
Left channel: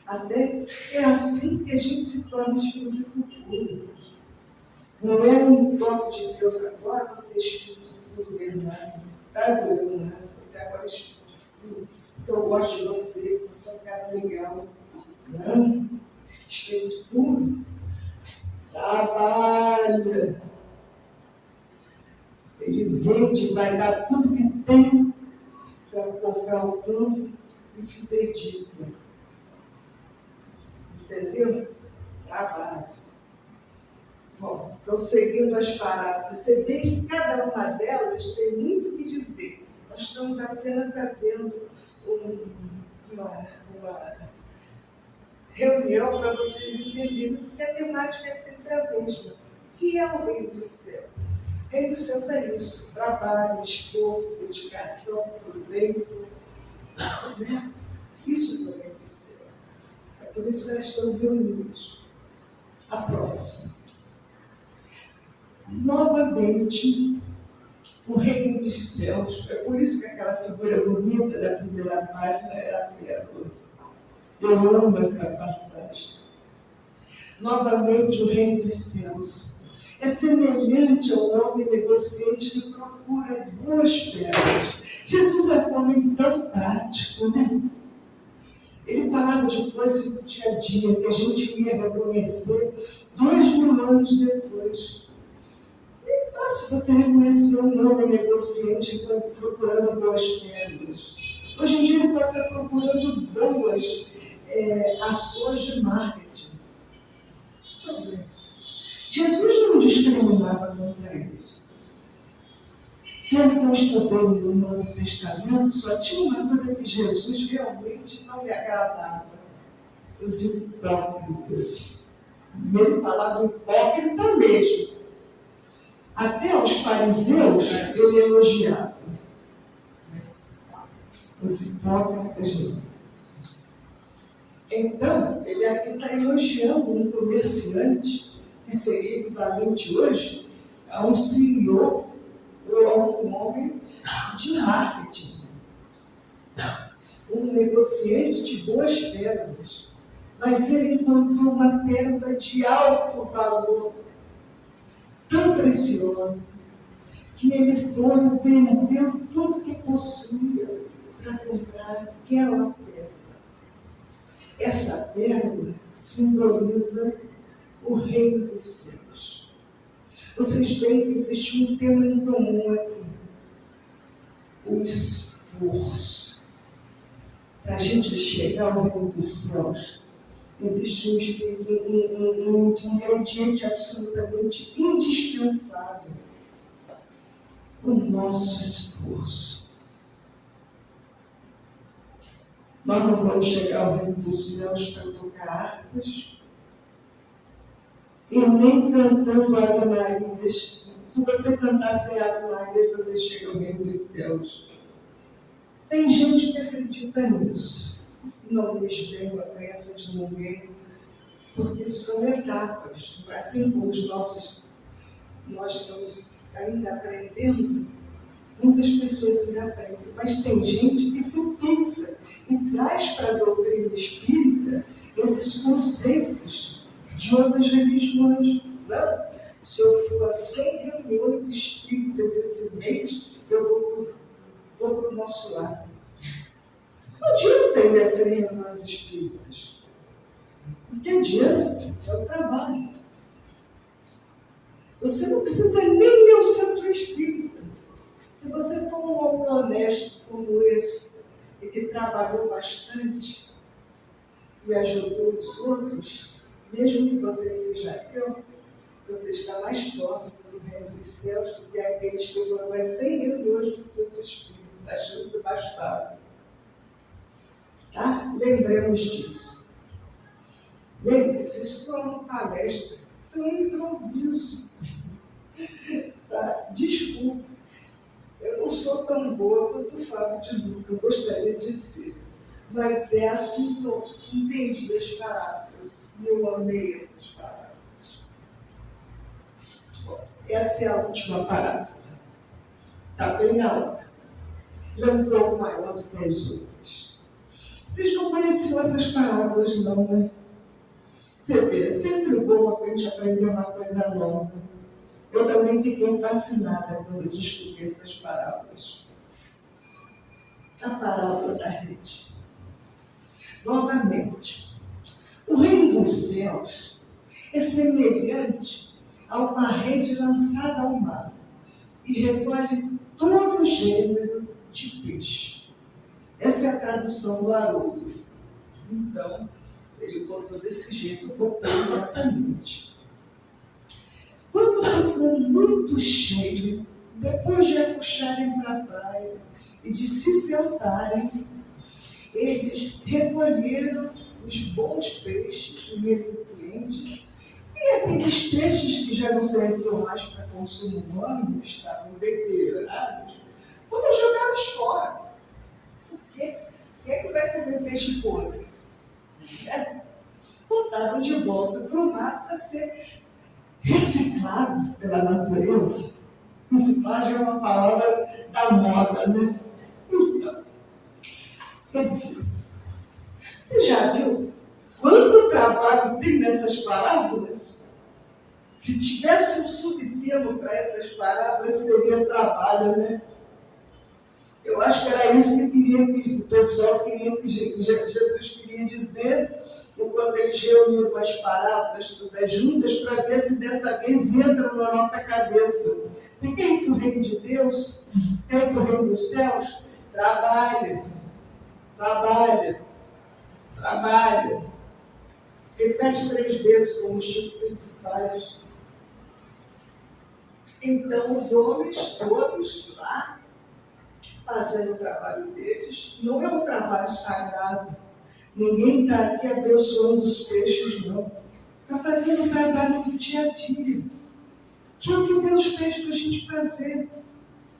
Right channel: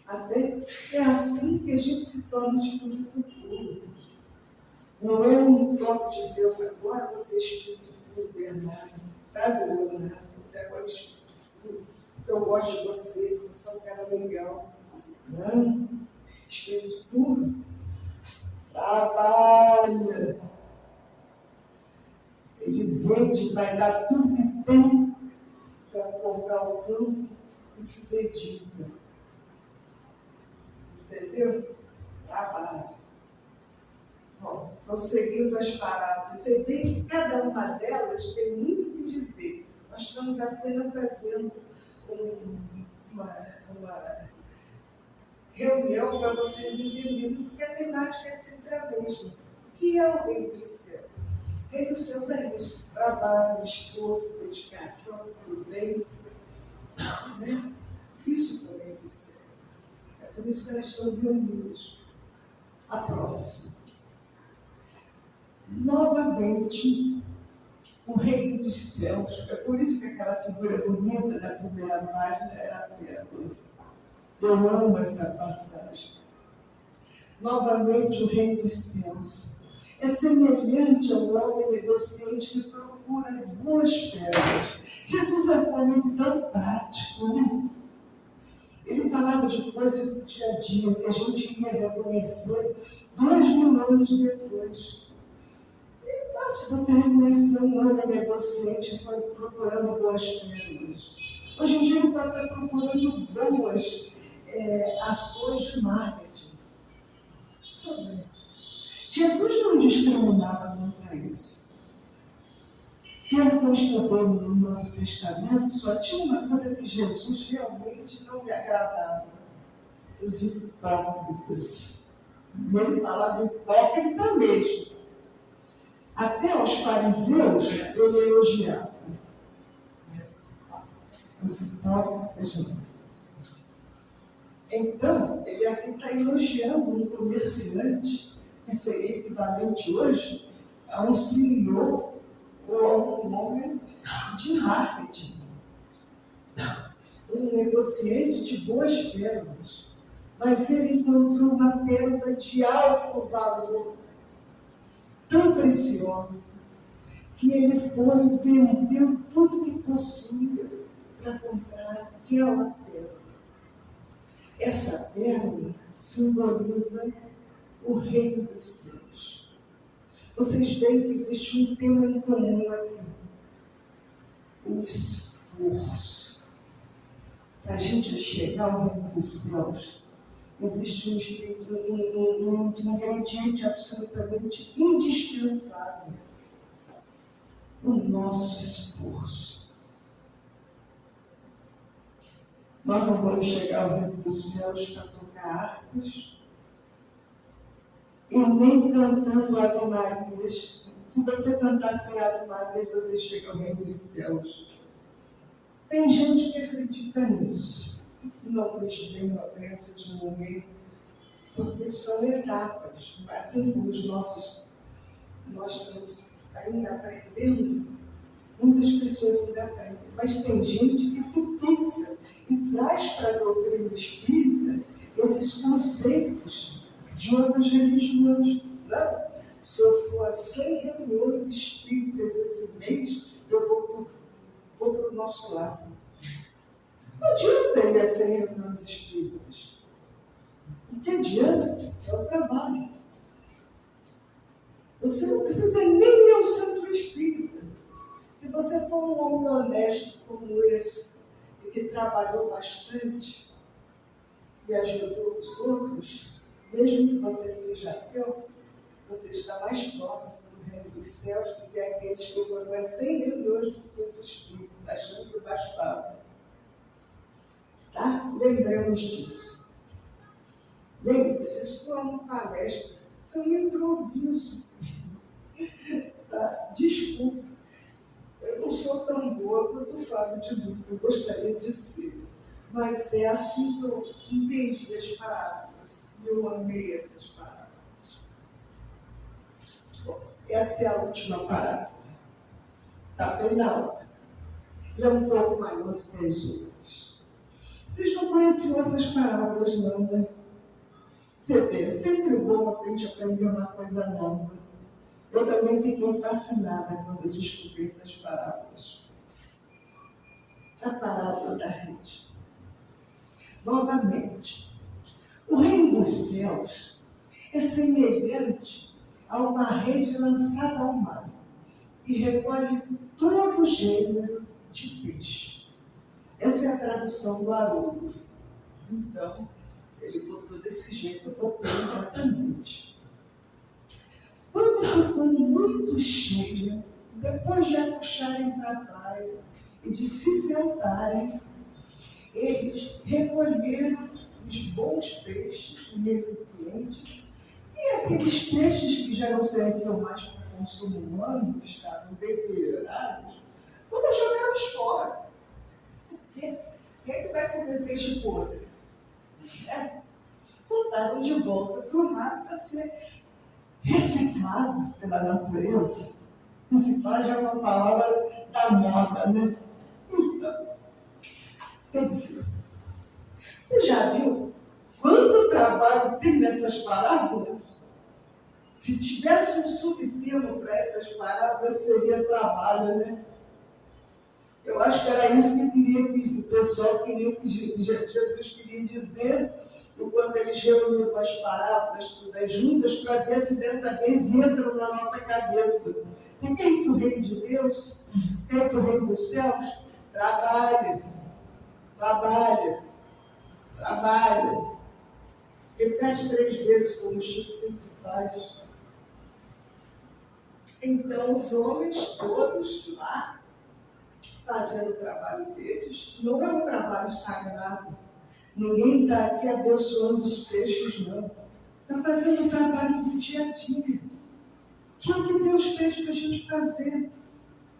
Até é assim que a gente se torna espírito puro. Não é um toque de Deus agora, você é espírito puro, Bernardo. Sabe, Bernardo? Até agora é espírito puro. Porque eu gosto de você, você é um cara legal. Não. Espírito puro. Trabalha. Ele vende, vai dar tudo que tem para comprar o campo e se dedica. Entendeu? Trabalho. Bom, prosseguindo as parábolas, você vê que cada uma delas tem muito o que dizer. Nós estamos apenas fazendo uma reunião para vocês entenderem, porque a temática é sempre a mesma. O que é o reino do céu? O reino dos céus é isso: trabalho, esforço, dedicação, prudência. Né? Isso é o reino dos céus. É por isso que nós estamos reunidos. A próxima. Novamente, o reino dos céus. É por isso que aquela figura bonita da primeira página era a pérola. Eu amo essa passagem. Novamente, o reino dos céus é semelhante ao homem negociante que procura boas pérolas. Jesus é um homem tão prático, né? Ele falava de coisas do dia a dia que a gente ia reconhecer 2000 anos depois. É fácil você reconhecer um homem negociante procurando boas pérolas. Hoje em dia ele pode estar procurando boas ações de marketing. Problema. Jesus não discriminava contra isso. Pelo que eu estudei no Novo Testamento, só tinha uma coisa que Jesus realmente não lhe agradava: os hipócritas. Ele falava hipócrita mesmo. Até os fariseus ele elogiava. Os hipócritas não. Então, ele aqui está elogiando um comerciante, que seria equivalente hoje a um CEO ou a um homem de marketing. Um negociante de boas pérolas. Mas ele encontrou uma pérola de alto valor, tão preciosa, que ele foi e vendeu tudo que possuía para comprar aquela pérola. Essa pérola simboliza o reino dos céus. Vocês veem que existe um tema em comum aqui: o esforço. Para a gente chegar ao reino dos céus, existe um ingrediente absolutamente indispensável: o nosso esforço. Nós não vamos chegar ao reino dos céus para tocar harpas e nem cantando Ave Marias. Se você cantar sem Ave Marias, você chega ao reino dos céus. Tem gente que acredita nisso. Não lhes venho a pressa de morrer, porque são etapas. Assim como nós estamos ainda aprendendo, muitas pessoas ainda aprendem, mas tem gente que se fixa e traz para a doutrina espírita esses conceitos de outras religiões. Não? Se eu for a 100 reuniões espíritas esse mês, eu vou para o nosso lado. Não adianta ir a 100 reuniões espíritas. O que adianta é o trabalho. Você não precisa nem ir ao centro espírita. Se você for um homem honesto como esse, e que trabalhou bastante e ajudou os outros, mesmo que você seja ateu, você está mais próximo do reino dos céus do que aqueles que foram mais 100 reuniões do Santo Espírito, achando que bastava. Tá? Lembremos disso. Lembre-se, isso não é uma palestra, isso é um improviso. Tá? Desculpe, eu não sou tão boa quanto o Fábio de Luca, eu gostaria de ser. Mas é assim que eu entendi as parábolas, e eu amei essas parábolas. Bom, essa é a última parábola. Está bem na hora. Ela é um pouco maior do que as outras. Vocês não conheciam essas parábolas, não, né? Você vê, é sempre bom a gente aprender uma coisa nova. Eu também fiquei fascinada quando eu descobri essas parábolas. A parábola da rede. Novamente, o reino dos céus é semelhante a uma rede lançada ao mar e recolhe todo gênero de peixe. Essa é a tradução do Haroldo. Então, ele botou desse jeito, eu botei exatamente. Quando ficou muito cheio, depois de apuxarem para a praia e de se sentarem, eles recolheram os bons peixes em recipientes e aqueles peixes que já não serviam mais para consumo humano, estavam deteriorados, foram jogados fora. Por quê? Quem é que vai comer peixe podre? Botaram de volta para o mar para ser reciclado pela natureza. Reciclagem é uma palavra da moda, né? Então, quer dizer, você já viu quanto trabalho tem nessas parábolas? Se tivesse um subtema para essas parábolas, seria trabalho, né? Eu acho que era isso que o pessoal queria que Jesus queria dizer quando eles reuniram as parábolas todas juntas para ver se dessa vez entram na nossa cabeça. Você quer ir para o reino de Deus? Quer ir para o reino dos céus? Trabalhe, trabalhe, trabalhe. Repete 3 vezes como o Chico Felipe faz. Então os homens todos lá, fazendo o trabalho deles, não é um trabalho sagrado. Ninguém está aqui abençoando os peixes, não. Está fazendo o trabalho do dia a dia. Que é o que Deus pede para a gente fazer.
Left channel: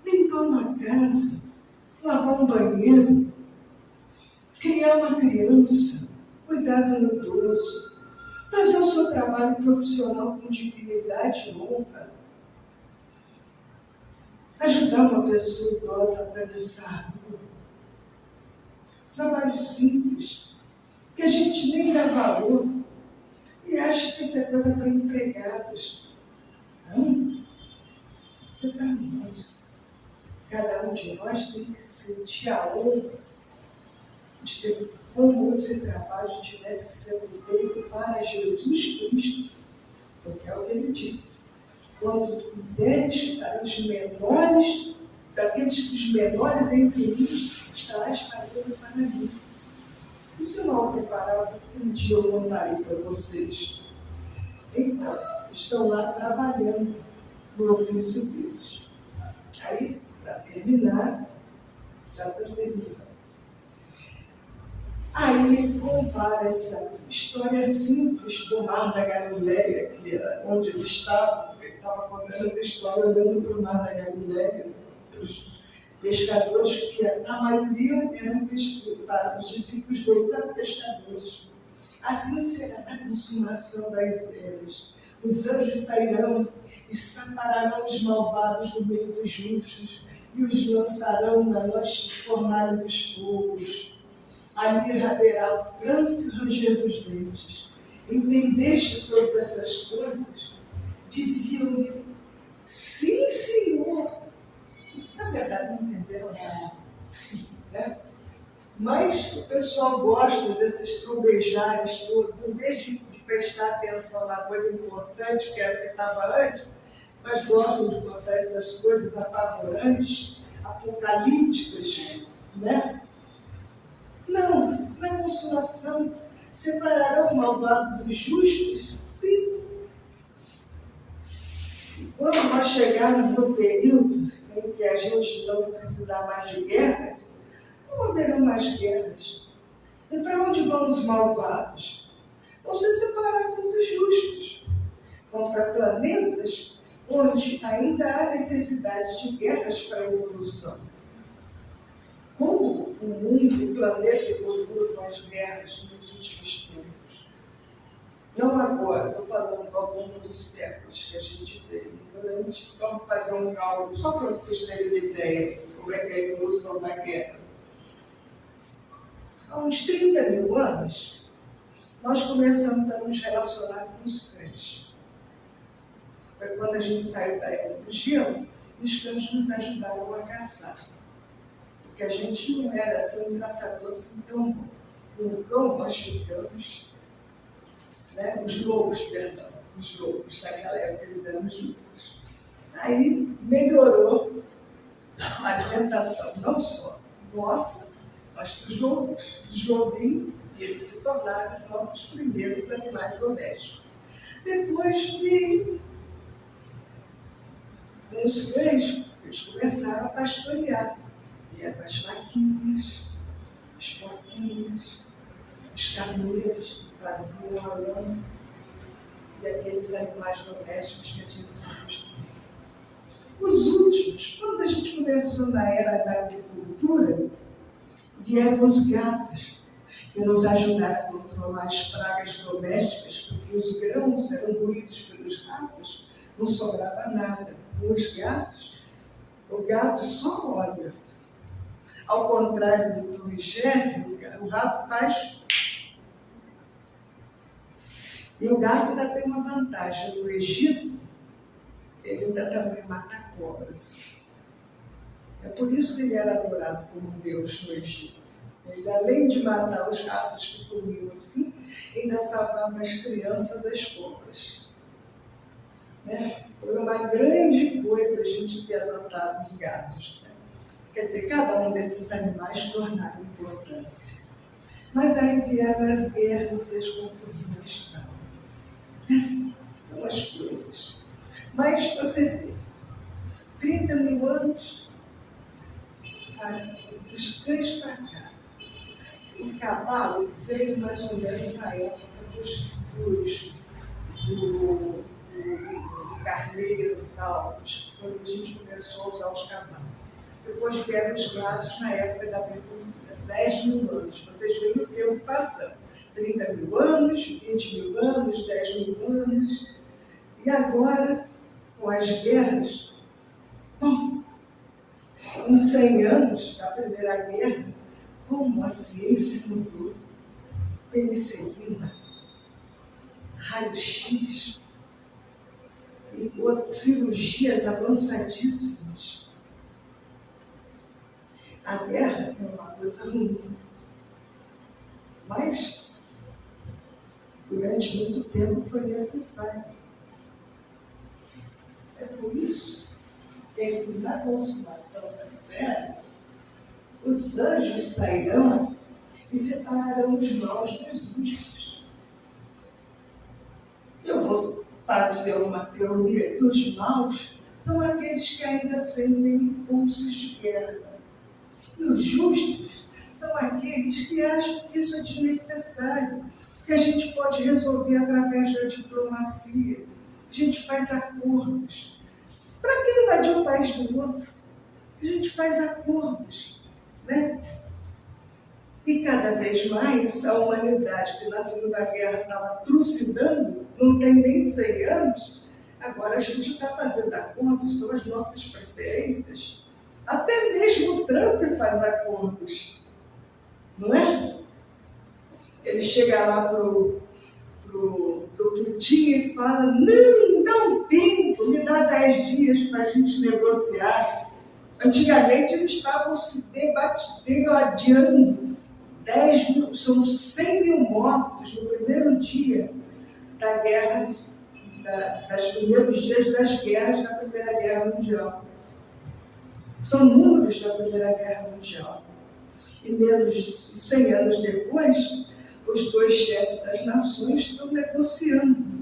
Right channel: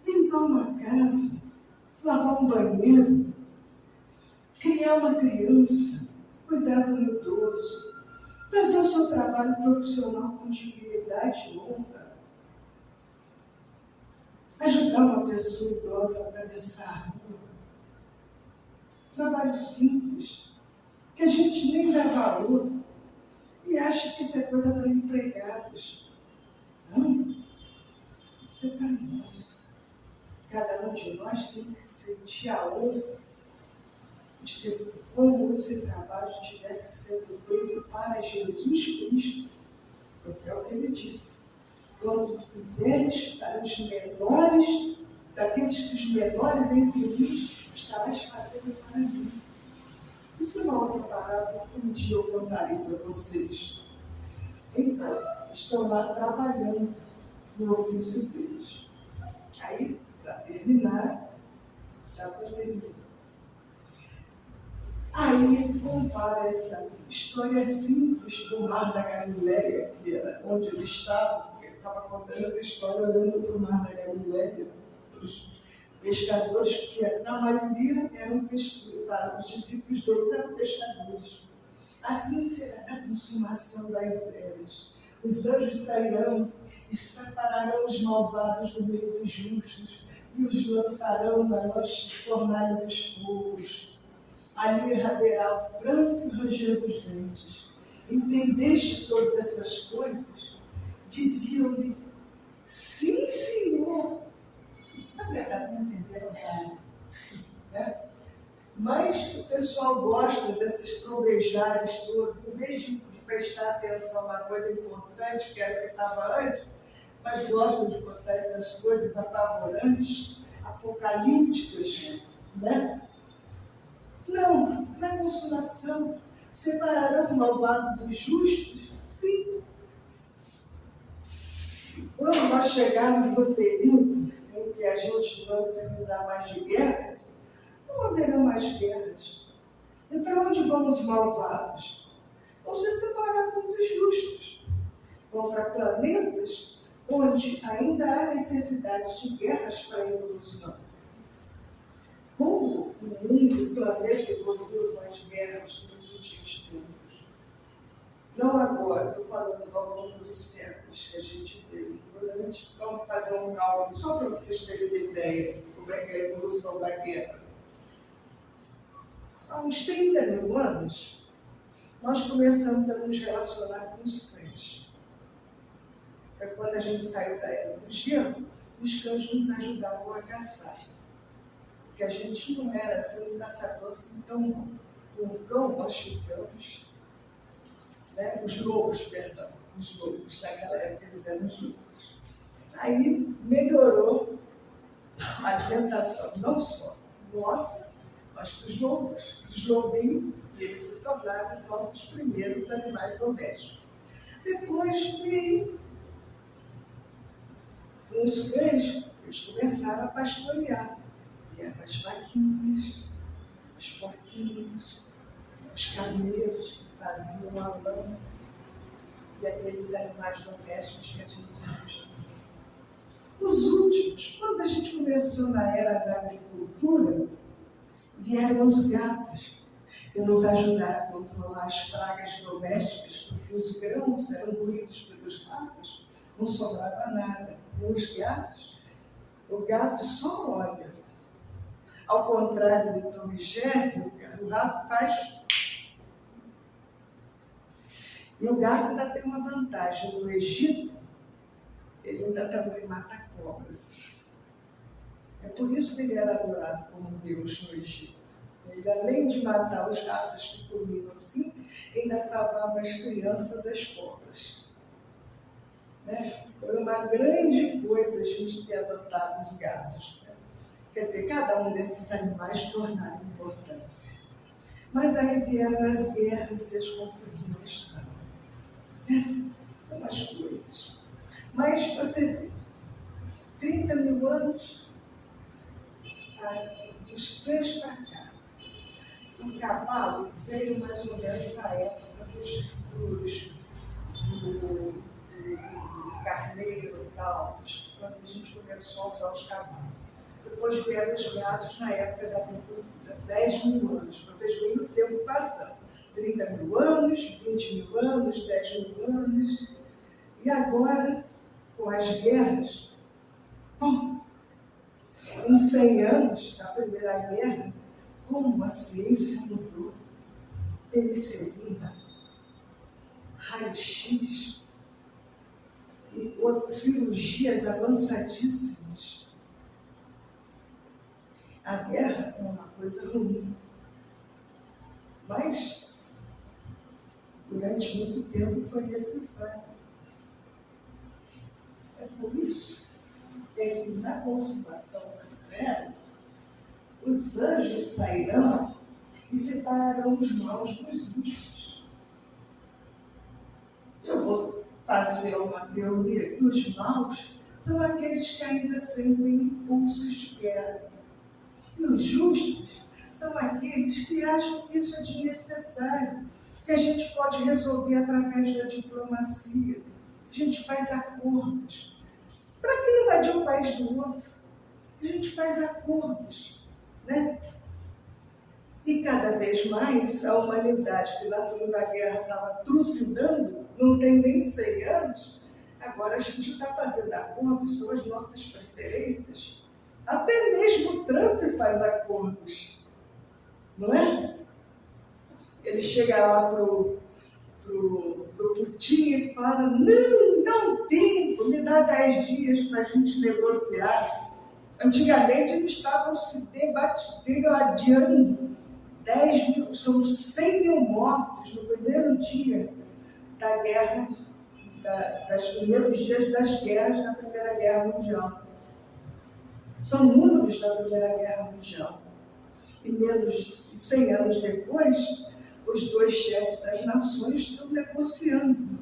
Limpar uma casa, lavar um banheiro, criar uma criança, cuidar do idoso, fazer o seu trabalho profissional com dignidade e honra. Ajudar uma pessoa idosa a atravessar a rua. Trabalho simples, que a gente nem dá valor e acha que isso é coisa para empregados. Não, isso é para nós. Cada um de nós tem que sentir a honra de que como esse trabalho estivesse sendo feito para Jesus Cristo, porque é o que ele disse. Quando fizeres para os menores, daqueles que os menores entre eles, estarás fazendo para mim. Isso é uma outra parábola que um dia eu contarei para vocês. Então, estão lá trabalhando no ofício deles. Aí, para terminar, já para terminar. Aí ele compara essa história simples do Mar da Galileia, que era onde ele estava contando essa história olhando para o Mar da Galileia, para os pescadores, que na maioria eram pescadores, os discípulos dele eram pescadores. Assim será a consumação das eras. Os anjos sairão e separarão os malvados do meio dos justos e os lançarão na noite fornalha dos fogos. Ali haverá o pranto e o ranger dos dentes. Entendeste todas essas coisas? Diziam-lhe, sim, Senhor. Na verdade, não entenderam nada. Né? Mas o pessoal gosta desses trovejares todos, em vez de prestar atenção na coisa importante, que era o que estava antes, mas gostam de contar essas coisas apavorantes, apocalípticas, né? Não, na consolação, Separarão o malvado dos justos? Sim. Quando nós chegarmos no período em que a gente não precisar mais de guerras, não haverá mais guerras. E para onde vão os malvados? Vão ser separados dos justos. Vão para planetas onde ainda há necessidade de guerras para a evolução. Como o mundo, o planeta evoluiu com as guerras nos últimos tempos? Não agora, estou falando ao longo dos séculos que a gente veio. Vamos fazer um cálculo só para vocês terem uma ideia de como é que é a evolução da guerra. Há uns 30 mil anos, nós começamos a nos relacionar com os cães. Foi quando a gente saiu da era do gelo, os cães nos ajudavam a caçar. Porque a gente não era assim, um caçador assim tão bom. Com o cão nós ficamos, né? Os lobos, naquela época eles eram os lobos. Aí melhorou a alimentação, não só nossa, mas dos lobos, dos lobinhos, e eles se tornaram nossos primeiros animais domésticos. Depois veio os cães, eles começaram a pastorear. Vieram as vaquinhas, os porquinhos, os carneiros que faziam a lã e aqueles animais domésticos que a gente acostumou. Os últimos, quando a gente começou na era da agricultura, vieram os gatos, que nos ajudaram a controlar as pragas domésticas, porque os grãos eram ruídos pelos ratos, não sobrava nada. Com os gatos, o gato só olha. Ao contrário do Tom e Jerry, o rato faz. E o gato ainda tem uma vantagem. No Egito, ele ainda também mata cobras. É por isso que ele era adorado como Deus no Egito. Ele, além de matar os ratos que comiam assim, ainda salvava as crianças das cobras. Né? Foi uma grande coisa a gente ter adotado os gatos. Né? Quer dizer, cada um desses animais tornaram importância. Mas aí vieram as guerras e as confusões. São as coisas. Mas você vê, 30 mil anos, dos cães para cá. O cavalo veio mais ou menos na época do carneiro e tal, quando a gente começou a usar os cavalos. Depois vieram os gatos na época da agricultura, 10 mil anos. Vocês veem o tempo passando. 30 mil anos, 20 mil anos, 10 mil anos. E agora, com as guerras, bom, em 100 anos, da Primeira Guerra, como a ciência mudou. Penicilina, raio-x, e cirurgias avançadíssimas. A guerra é uma coisa ruim, mas durante muito tempo foi necessário. É por isso que na consumação das eras, os anjos sairão e separarão os maus dos justos. Eu vou fazer uma teoria que os maus são aqueles que ainda sentem impulsos de guerra. E os justos são aqueles que acham que isso é desnecessário, que a gente pode resolver através da diplomacia. A gente faz acordos. Para que invadir o país do outro? A gente faz acordos, né? E cada vez mais a humanidade, que na Segunda Guerra estava trucidando, não tem nem 100 anos, agora a gente está fazendo acordos, são as nossas preferências. Até mesmo o Trump faz acordos, não é? Ele chega lá pro Putin e fala, não, dá um tempo, me dá 10 dias para a gente negociar. Antigamente eles estavam se degladiando. 10 mil, são 100 mil mortos no primeiro dia da guerra, dos primeiros dias das guerras da Primeira Guerra Mundial. São números da Primeira Guerra Mundial. E menos de 100 anos depois, os dois chefes das nações estão negociando.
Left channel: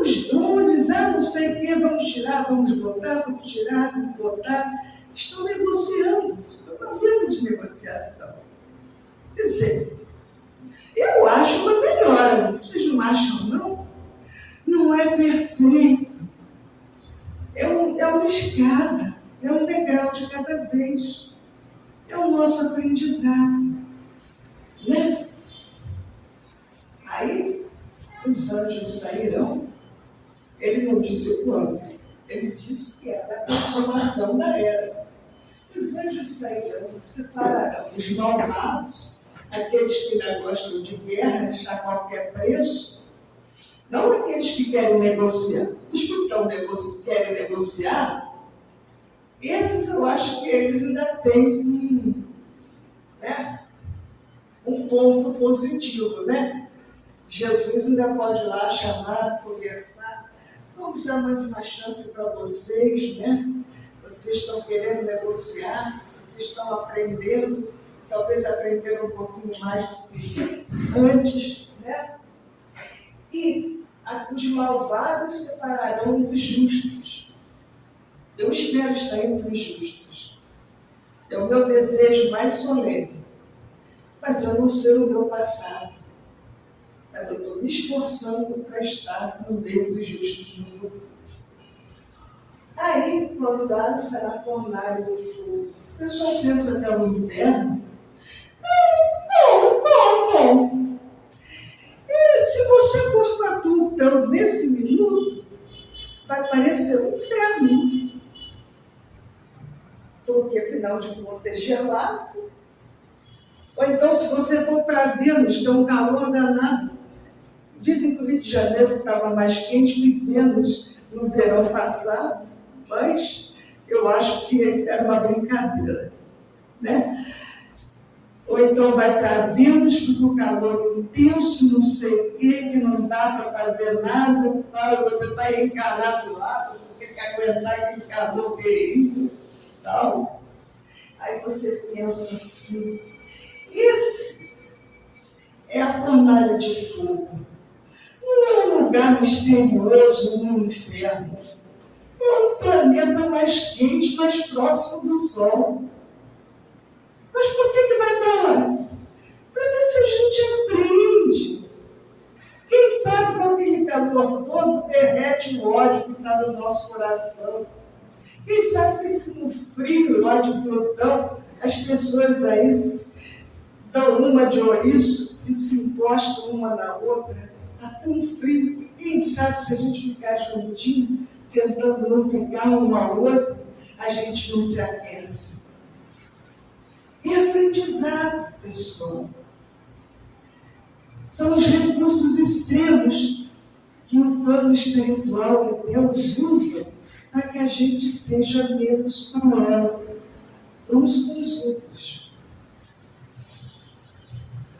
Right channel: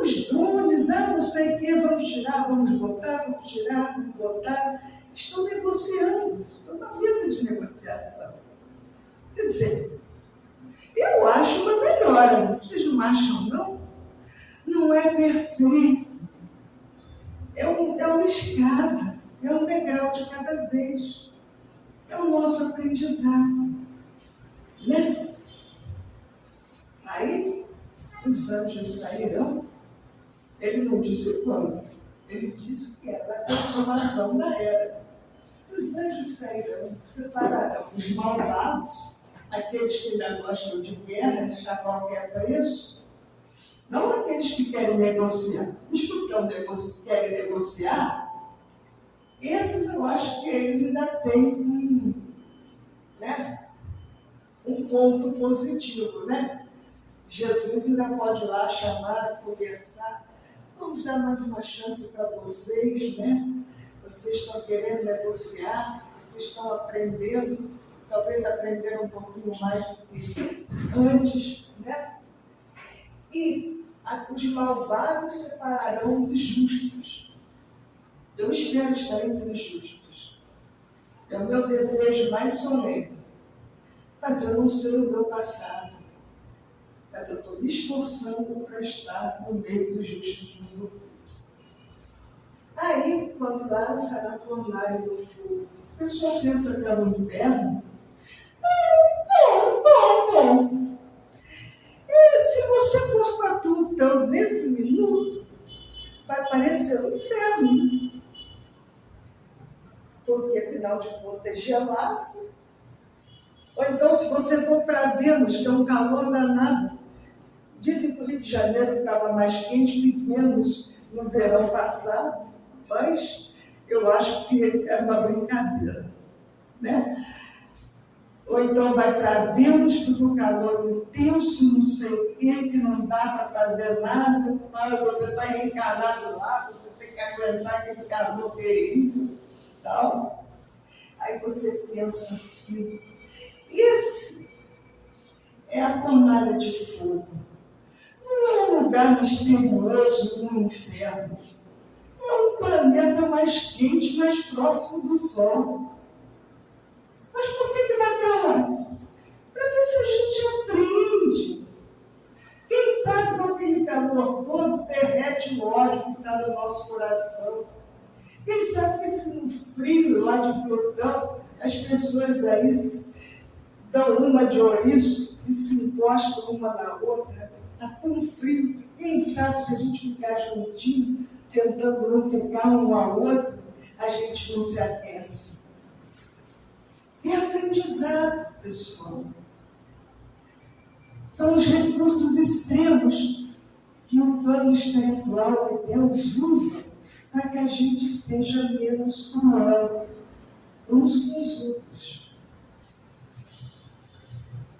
Os drones, não sei o quê, vamos tirar, vamos botar, vamos tirar, vamos botar. Estão negociando, estão na mesa de negociação. Quer dizer, eu acho uma melhora, vocês não acham, não? Não é perfeito. É uma escada, é um degrau de cada vez. É o nosso aprendizado, né? Aí, os anjos sairão. Ele não disse quando, ele disse que era a consumação da era. Os anjos sairão, separarão os malvados, aqueles que ainda gostam de guerras a qualquer preço, não aqueles que querem negociar. Os que querem negociar, esses eu acho que eles ainda têm um ponto positivo, né? Jesus ainda pode ir lá chamar, conversar. Vamos dar mais uma chance para vocês, né? Vocês estão querendo negociar, vocês estão aprendendo, talvez aprenderam um pouquinho mais do que antes, né? E os malvados separarão dos justos. Eu espero estar entre os justos. É o meu desejo mais solene. Mas eu não sei o meu passado. Mas eu estou me esforçando para estar no meio dos justos no futuro. Aí, quando lá será fornalha do fogo, o pessoal pensa que é o inferno. Bom. Se você for para tudo, então, nesse minuto, vai parecer um inferno. Porque, afinal de contas, é gelado. Ou então, se você for para Vênus, que é um calor danado. Dizem que o Rio de Janeiro estava mais quente que Vênus no verão passado, mas eu acho que era uma brincadeira, né? Ou então vai para Vênus, porque o calor é intenso, não sei o quê, que não dá para fazer nada, você está encarnado lá, você tem que aguentar aquele calor terrível, tal. Aí você pensa assim, esse é a fornalha de fogo. Não é um lugar misterioso no inferno. É um planeta mais quente, mais próximo do Sol. Mas por que vai para lá? Para ver se a gente aprende. Quem sabe com aquele calor todo derrete o ódio que está no nosso coração. Quem sabe que se no frio lá de Plutão, as pessoas aí dão uma de ouriço e se encostam uma na outra. Está tão frio que quem sabe se a gente ficar juntinho, tentando não ficar uma a outra, a gente não se aquece. É aprendizado, pessoal. São os recursos extremos que o plano espiritual que Deus usa para que a gente seja menos cruel uns com os outros.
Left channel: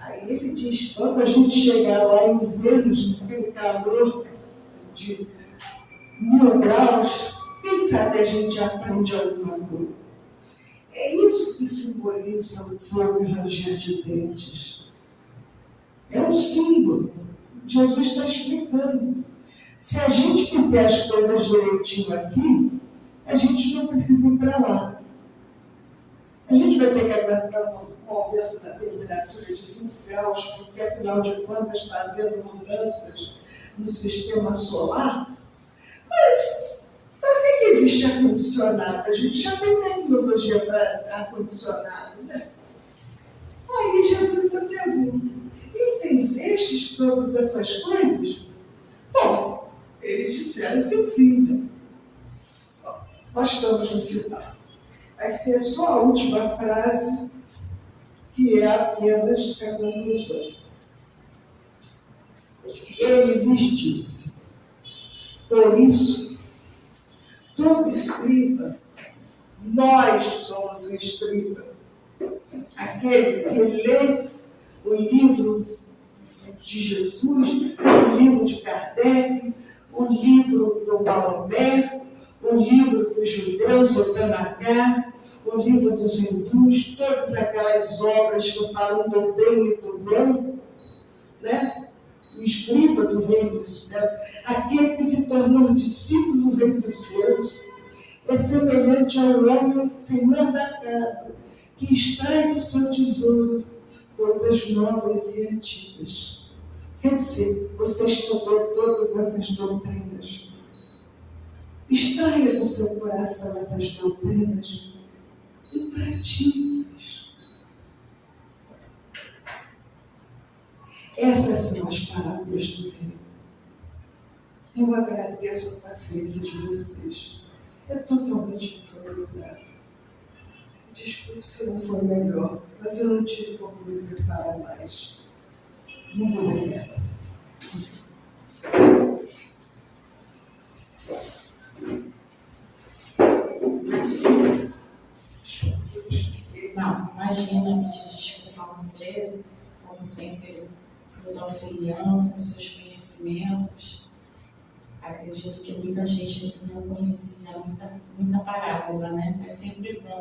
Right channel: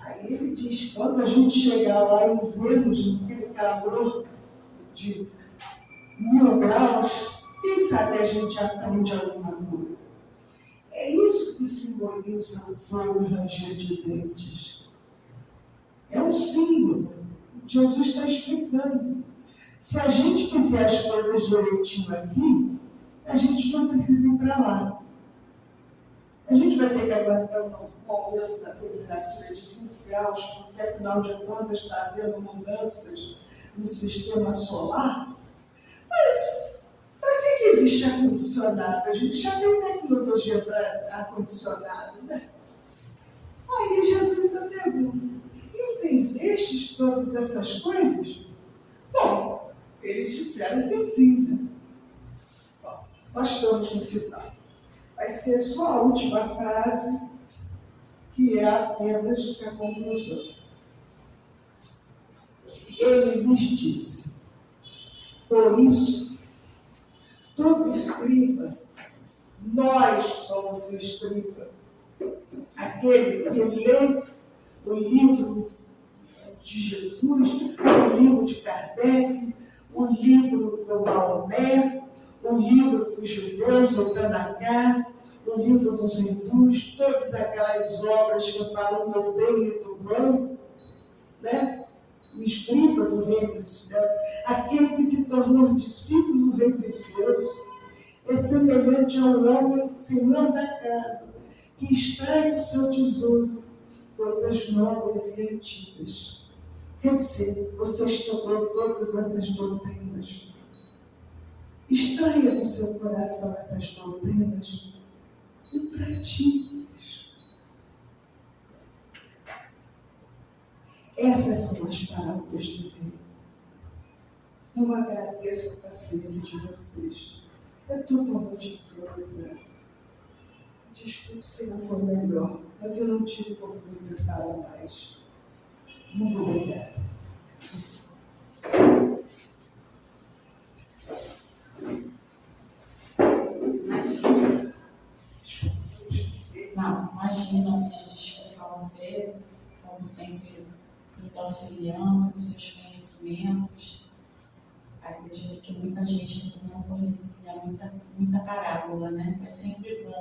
Aí ele diz, quando a gente chegar lá em Vênus, naquele calor de 1000 graus, quem sabe a gente aprende alguma coisa. É isso que simboliza o fogo e ranger de dentes. É um símbolo. Jesus está explicando. Se a gente fizer as coisas direitinho aqui, a gente não precisa ir para lá. A gente vai ter que aguentar um aumento da temperatura de 5 graus, porque afinal de contas está havendo mudanças no sistema solar. Mas para que existe ar-condicionado? A gente já tem tecnologia para ar-condicionado, né? Aí Jesus ainda pergunta, entendestes todas essas coisas? Bom, eles disseram que sim, né? Bom, nós estamos no final. Vai ser só a última frase, que é apenas a conclusão. Ele lhes disse, por isso, todo escriba, nós somos o escriba, aquele que lê o livro de Jesus, o livro de Kardec, o livro do Maomé, o livro dos judeus, o Tanakh, o livro dos hindus, todas aquelas obras que falam do bem e do bom, né? O escriba do reino dos céus, aquele que se tornou discípulo do reino dos céus, é semelhante ao homem, senhor da casa, que extrai do seu tesouro coisas novas e antigas. Quer dizer, você estudou todas essas doutrinas. Extraia do seu coração essas doutrinas e pratique-as. Essas são as parábolas do reino. Eu agradeço a paciência de vocês. É totalmente improvisado. Desculpe se não foi melhor, mas eu não tive como me preparar mais. Muito obrigada. Não, imagina, pedir desculpa a você, como sempre, nos auxiliando com seus conhecimentos. Acredito que muita gente aqui não conhecia muita parábola, né? É sempre bom